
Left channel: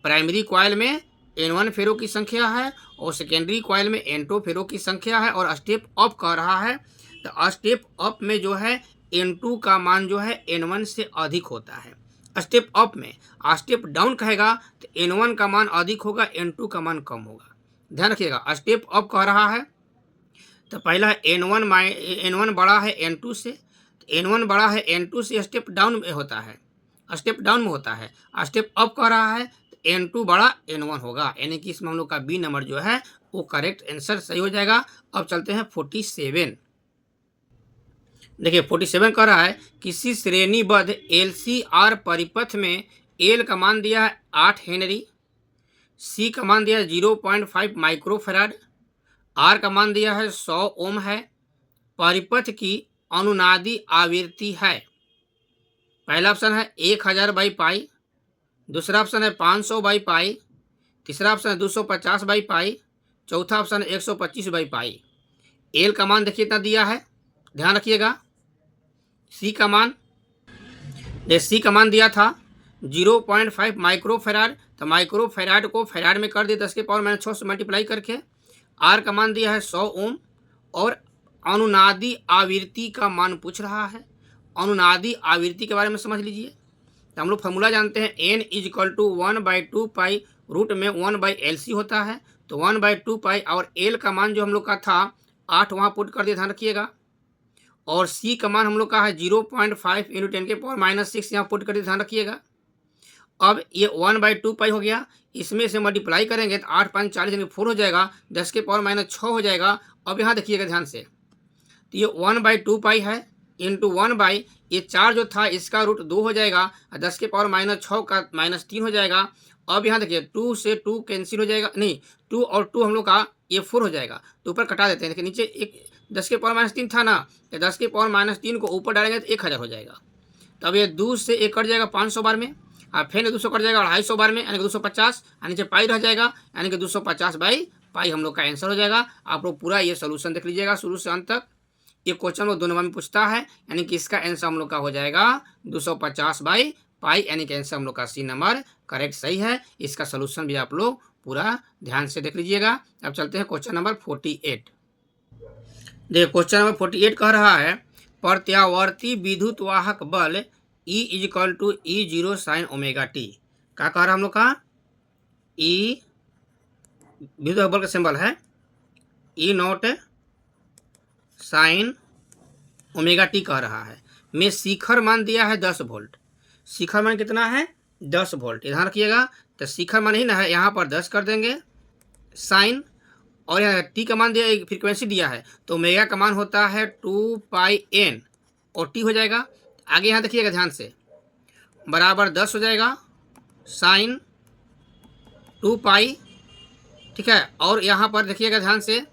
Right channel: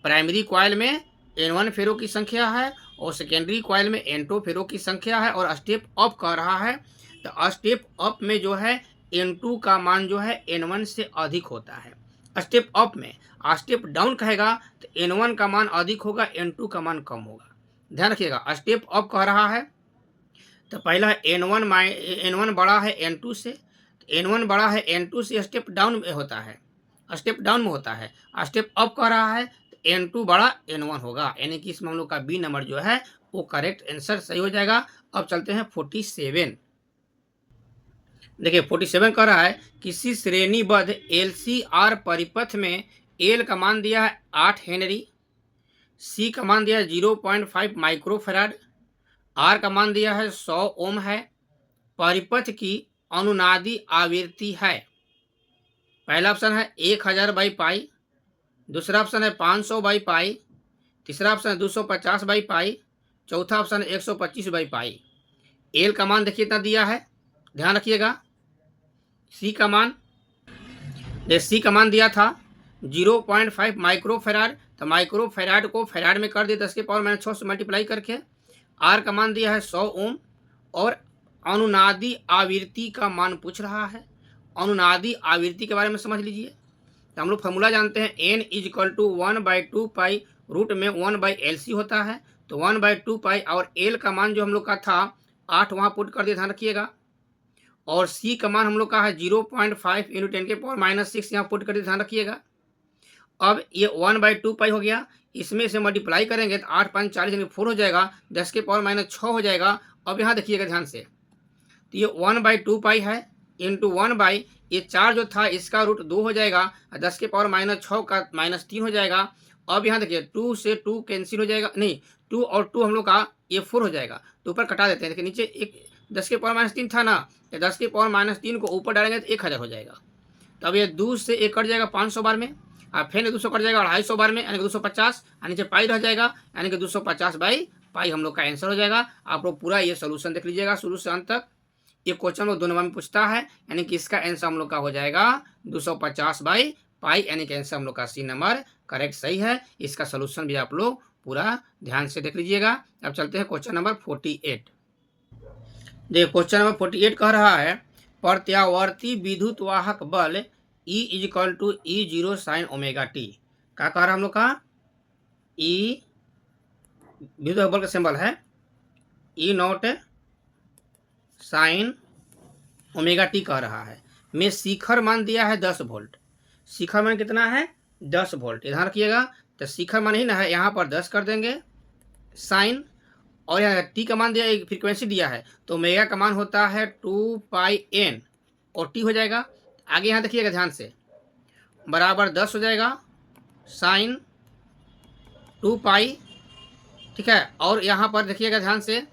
प्राइमरी कॉइल में N1 फेरों की संख्या है और सेकेंडरी कॉइल में N2 फेरों की संख्या है। और स्टेप अप कह रहा है, तो स्टेप अप में जो है N2 का मान जो है N1 से अधिक होता है। स्टेप अप में। स्टेप डाउन कहेगा तो N1 का मान अधिक होगा, N2 का मान कम होगा। ध्यान रखिएगा, स्टेप अप कह रहा है तो पहला है N1 बड़ा है N2 से, N1 बड़ा है N2 से, स्टेप डाउन में होता है, स्टेप डाउन में होता है। स्टेप अप कह रहा है तो N2 बड़ा N1 होगा, यानी कि इसमें हम लोग का बी नंबर जो है वो करेक्ट आंसर सही हो जाएगा। अब चलते हैं 47। देखिए 47 कह रहा है किसी श्रेणीबद्ध LCR परिपथ में एल का मान दिया है 8 हेनरी, सी का मान दिया है 0.5 माइक्रोफेराड, आर का मान दिया है 100 ओम है, परिपथ की अनुनादी आवृत्ति है। पहला ऑप्शन है 1000 बाई पाई, दूसरा ऑप्शन है 500 बाई पाई, तीसरा ऑप्शन है 250 बाई पाई, चौथा ऑप्शन है 125 बाई पाई। एल का मान देखिए इतना दिया है, ध्यान रखिएगा। सी का मान दिया था 0.5 माइक्रोफेराड, तो माइक्रोफेराड को फेराड में कर दिया 10⁻⁶ से मल्टीप्लाई करके। आर का मान दिया है 100 ओम, और अनुनादी आवृत्ति का मान पूछ रहा है। अनुनादी आवृत्ति के बारे में समझ लीजिए, तो हम लोग फॉर्मूला जानते हैं n = 1/2 पाई, रूट में 1/LC होता है, तो 1/2 पाई, और एल का मान जो हम लोग का था 8 वहाँ पुट कर दिया, ध्यान रखिएगा। और सी का मान हम लोग का है 0.5 × 10⁻⁶ यहाँ पुट कर दिया, ध्यान रखिएगा। अब ये 1/2 पाई हो गया, इसमें से मल्टीप्लाई करेंगे तो 8 5 40 यानी 4 हो जाएगा, 10⁻⁻6 हो जाएगा। अब यहाँ देखिएगा ध्यान से, तो ये 1/2 पाई है इंटू 1 ये 4 जो था इसका रूट 2 हो जाएगा, 10⁻⁶ का -3 हो जाएगा। अब यहाँ देखिए 2 से 2 कैंसिल हो जाएगा, नहीं 2 और 2 हम लोग का ये 4 हो जाएगा, तो ऊपर कटा देते हैं। देखिए नीचे एक 10⁻³ था ना, तो 10⁻³ को ऊपर डालेंगे तो 1000 हो जाएगा। तब ये 2 से 1 कट जाएगा 500 बार में, और फिर 200 कट जाएगा 250 बार में, यानी कि 250, और नीचे पाई रह जाएगा, यानी कि 250 बाई पाई हम लोग का आंसर हो जाएगा। आप लोग पूरा ये सोल्यूशन देख लीजिएगा शुरू से अंत तक। ये क्वेश्चन वो 2 नंबर में पूछता है, यानी कि इसका आंसर हम लोग का हो जाएगा 250 बाई पाई, यानी कि आंसर हम लोग का सी नंबर करेक्ट सही है। इसका सोल्यूशन भी आप लोग पूरा ध्यान से देख लीजिएगा। अब चलते हैं क्वेश्चन नंबर 48। देखिए क्वेश्चन नंबर 48 कह रहा है प्रत्यावर्ती विद्युत वाहक बल E = E0 sin ω t। क्या कह रहा है हम लोग का, E विद्युत बल का सिंबल है E0 sin ω t कह रहा है, में शिखर मान दिया है 10 वोल्ट। शिखर मान कितना है 10 वोल्ट, ध्यान रखिएगा। तो शिखर मान ही ना है, यहाँ पर 10 कर देंगे साइन, और यहाँ टी का मान दिया, एक फ्रीक्वेंसी दिया है, तो ओमेगा का मान होता है 2πn, और टी हो जाएगा। आगे यहाँ देखिएगा ध्यान से, बराबर 10 हो जाएगा साइन 2π, ठीक है। और यहाँ पर देखिएगा ध्यान से,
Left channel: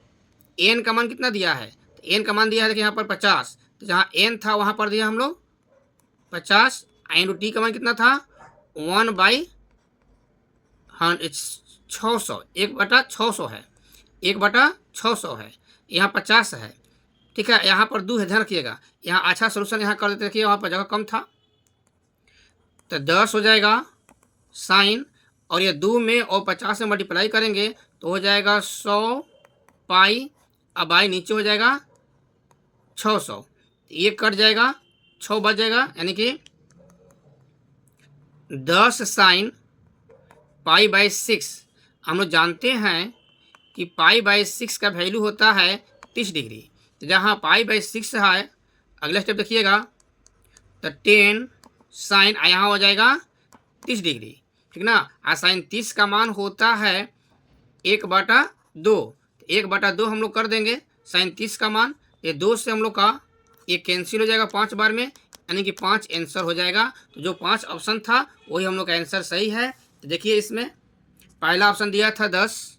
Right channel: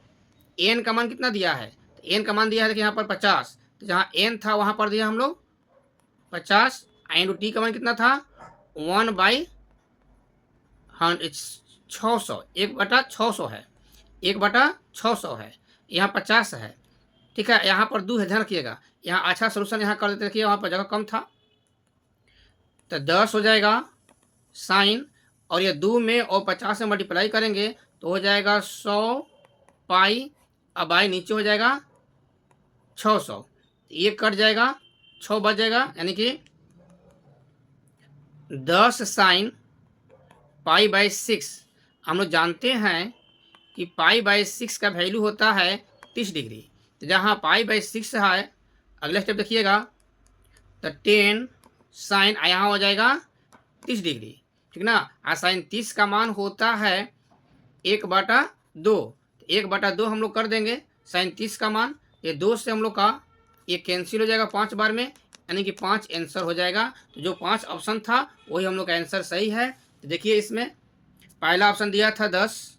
एन का मान कितना दिया है, तो एन का मान दिया है देखिए यहाँ पर 50, तो जहाँ एन था वहाँ पर दिया हम लोग 50, इंटू टी का मान कितना था 1/600, 1/600 है, 1/600 है, यहाँ 50 है, ठीक है। यहाँ पर 2 है, ध्यान रखिएगा। यहाँ अच्छा सोल्यूशन यहाँ कर देते, देखिए वहाँ पर जगह कम था, तो 10 हो जाएगा साइन, और ये 2 में और 50 से मल्टीप्लाई करेंगे तो हो जाएगा 100 पाई, अब आई नीचे हो जाएगा 600, ये कट जाएगा 6 बच जाएगा, यानी कि 10 साइन π/6। हम लोग जानते हैं कि π/6 का वैल्यू होता है 30 डिग्री, तो जहाँ π/6 है, अगला स्टेप देखिएगा, तो 10 साइन यहाँ हो जाएगा 30 डिग्री, ठीक ना। और साइन 30 का मान होता है 1/2, 1/2 हम लोग कर देंगे साइन 30 का मान, ये 2 से हम लोग का ये कैंसिल हो जाएगा 5 बार में, यानी कि 5 आंसर हो जाएगा। तो जो 5 ऑप्शन था वही हम लोग का आंसर सही है। तो देखिए इसमें पहला ऑप्शन दिया था 10,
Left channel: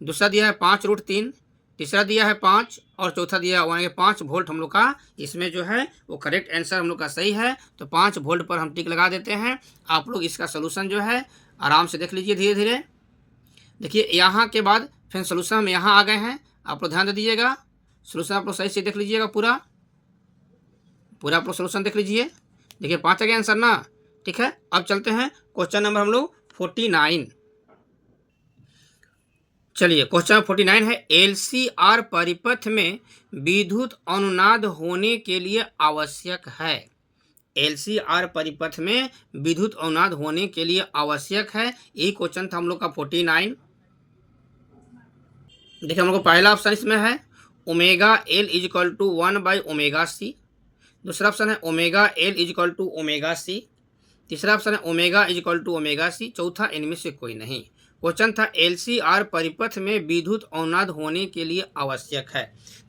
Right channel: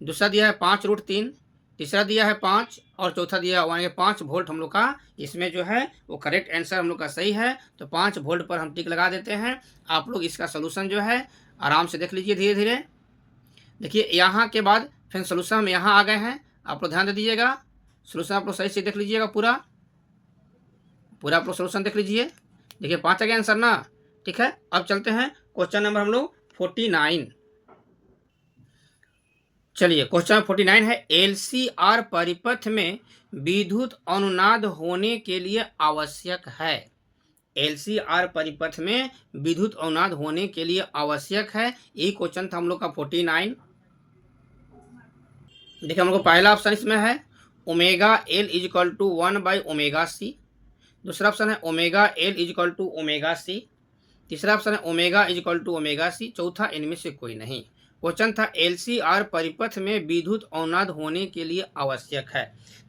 दूसरा दिया है 5√3, तीसरा दिया है 5, और चौथा दिया है 5 वोल्ट हम लोग का इसमें जो है वो करेक्ट आंसर हम लोग का सही है। तो 5 वोल्ट पर हम टिक लगा देते हैं। आप लोग इसका सोल्यूशन जो है आराम से देख लीजिए धीरे धीरे। देखिए यहाँ के बाद फिर सोल्यूशन हम यहाँ आ गए हैं, आप लोग ध्यान दे दीजिएगा। सोल्यूशन आप लोग सही से देख लीजिएगा, पूरा आप लोग सोल्यूशन देख लीजिए। देखिए 5 आ गया आंसर ना, ठीक है। अब चलते हैं क्वेश्चन नंबर हम लोग 49। चलिए क्वेश्चन 49 है LCR परिपथ में विद्युत अनुनाद होने के लिए आवश्यक है। LCR परिपथ में विद्युत अवनाद होने के लिए आवश्यक है। यही क्वेश्चन था हम लोग का 49। देखिए हम लोग का पहला ऑप्शन इसमें है omega L is equal to 1/ω/c। दूसरा ऑप्शन है omega L is equal to ω/c। तीसरा ऑप्शन है omega is equal to ω/c। चौथा इनमें से कोई नहीं। क्वेश्चन था LCR परिपथ में विद्युत अवनाद होने के लिए आवश्यक है।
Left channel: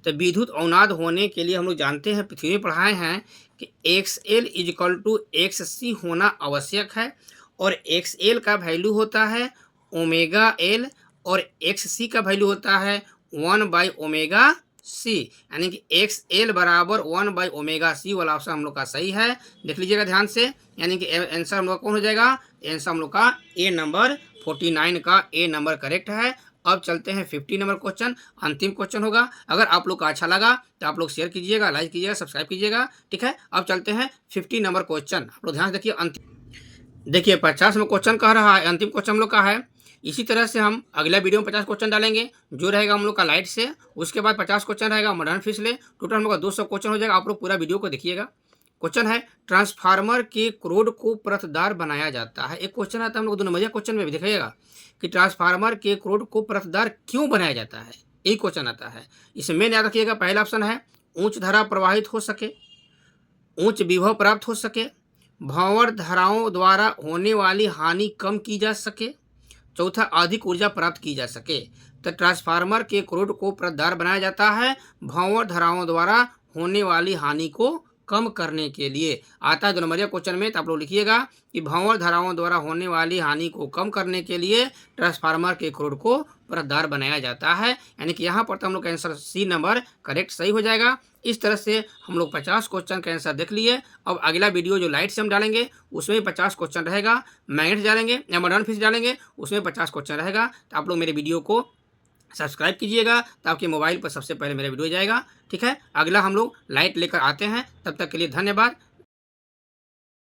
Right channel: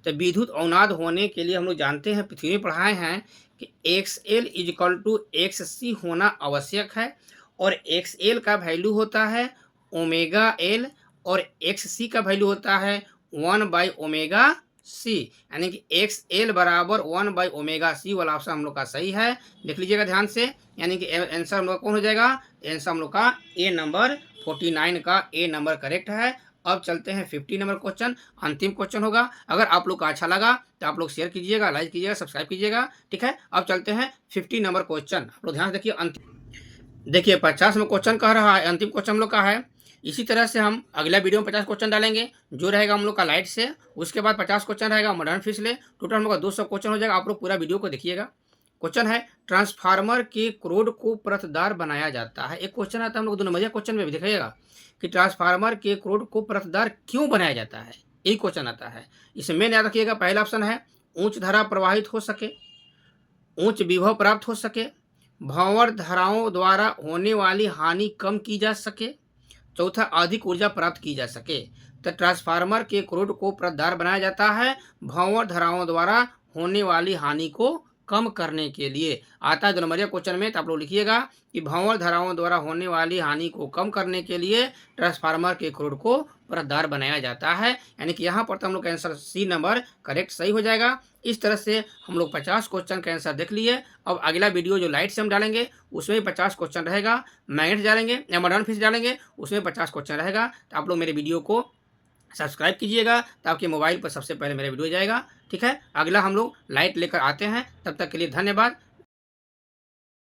तो विद्युत अवनाद होने के लिए हम लोग जानते हैं, पृथ्वी में पढ़ाए हैं कि XL is equal to XC होना आवश्यक है। और XL का वैल्यू होता है ओमेगा एल और XC का वैल्यू होता है 1/ω/c, यानी कि XL बराबर 1/ω/c वाला ऑप्शन हम लोग का सही है। देख लीजिएगा ध्यान से, यानी कि आंसर हम लोग का कौन हो जाएगा? आंसर हम लोग का ए नंबर 49 का ए नंबर करेक्ट है। अब चलते हैं 50 नंबर क्वेश्चन, अंतिम क्वेश्चन होगा। अगर आप लोग का अच्छा लगा तो आप लोग शेयर कीजिएगा, लाइक कीजिएगा, सब्सक्राइब कीजिएगा, ठीक है। अब चलते हैं 50 नंबर क्वेश्चन। आप लोग ध्यान से देखिए, अंतिम देखिए 50 में क्वेश्चन कह रहा है, अंतिम क्वेश्चन हम लोग का है। इसी तरह से हम अगला वीडियो में 50 क्वेश्चन डालेंगे, जो रहेगा हम लोग का लाइट से। उसके बाद 50 क्वेश्चन रहेगा मॉडर्न फिश ले। टोटल हम लोग का 200 क्वेश्चन हो जाएगा। आप लोग पूरा वीडियो को देखिएगा। क्वेश्चन है ट्रांसफार्मर के क्रोड को परतदार बनाया जाता है। एक क्वेश्चन आता है हम लोग 2 नंबरिया क्वेश्चन में भी दिखाइएगा कि ट्रांसफार्मर के क्रोड को परतदार क्यों बनाया जाता है। यही क्वेश्चन आता है। इसमें याद रखिएगा, पहला ऑप्शन है उच्च धारा प्रवाहित हो सके, उच्च विभव प्राप्त हो सके, भंवर धाराओं द्वारा होने वाली हानि कम की जा सके, चौथा अधिक ऊर्जा प्राप्त की जा सके। तो ट्रांसफार्मर के क्रोड को परतदार बनाया जाता है भंवर धाराओं द्वारा होने वाली हानि को कम करने के लिए। आता है 2 नंबरिया क्वेश्चन में, तो आप लोग लिखिएगा कि भंवर धाराओं द्वारा होने वाली हानि को कम करने के लिए ट्रांसफार्मर के क्रोड को परतदार बनाया जाता है। यानी कि यहाँ पर तो हम लोग का आंसर सी नंबर करेक्ट सही हो जाएगा। इस तरह से हम लोग 50 क्वेश्चन का आंसर देख लिए। अब अगला वीडियो जो लाइट से हम डालेंगे उसमें भी 50 क्वेश्चन रहेगा। मैग्नेट डालेंगे या मॉडर्न फिश डालेंगे, उसमें 50 क्वेश्चन रहेगा। तो आप लोग मेरे वीडियो को सब्सक्राइब कीजिएगा, तो आपके मोबाइल पर सबसे पहले मेरा वीडियो जाएगा, ठीक है। अगला हम लोग लाइट लेकर आते हैं, तब तक के लिए धन्यवाद।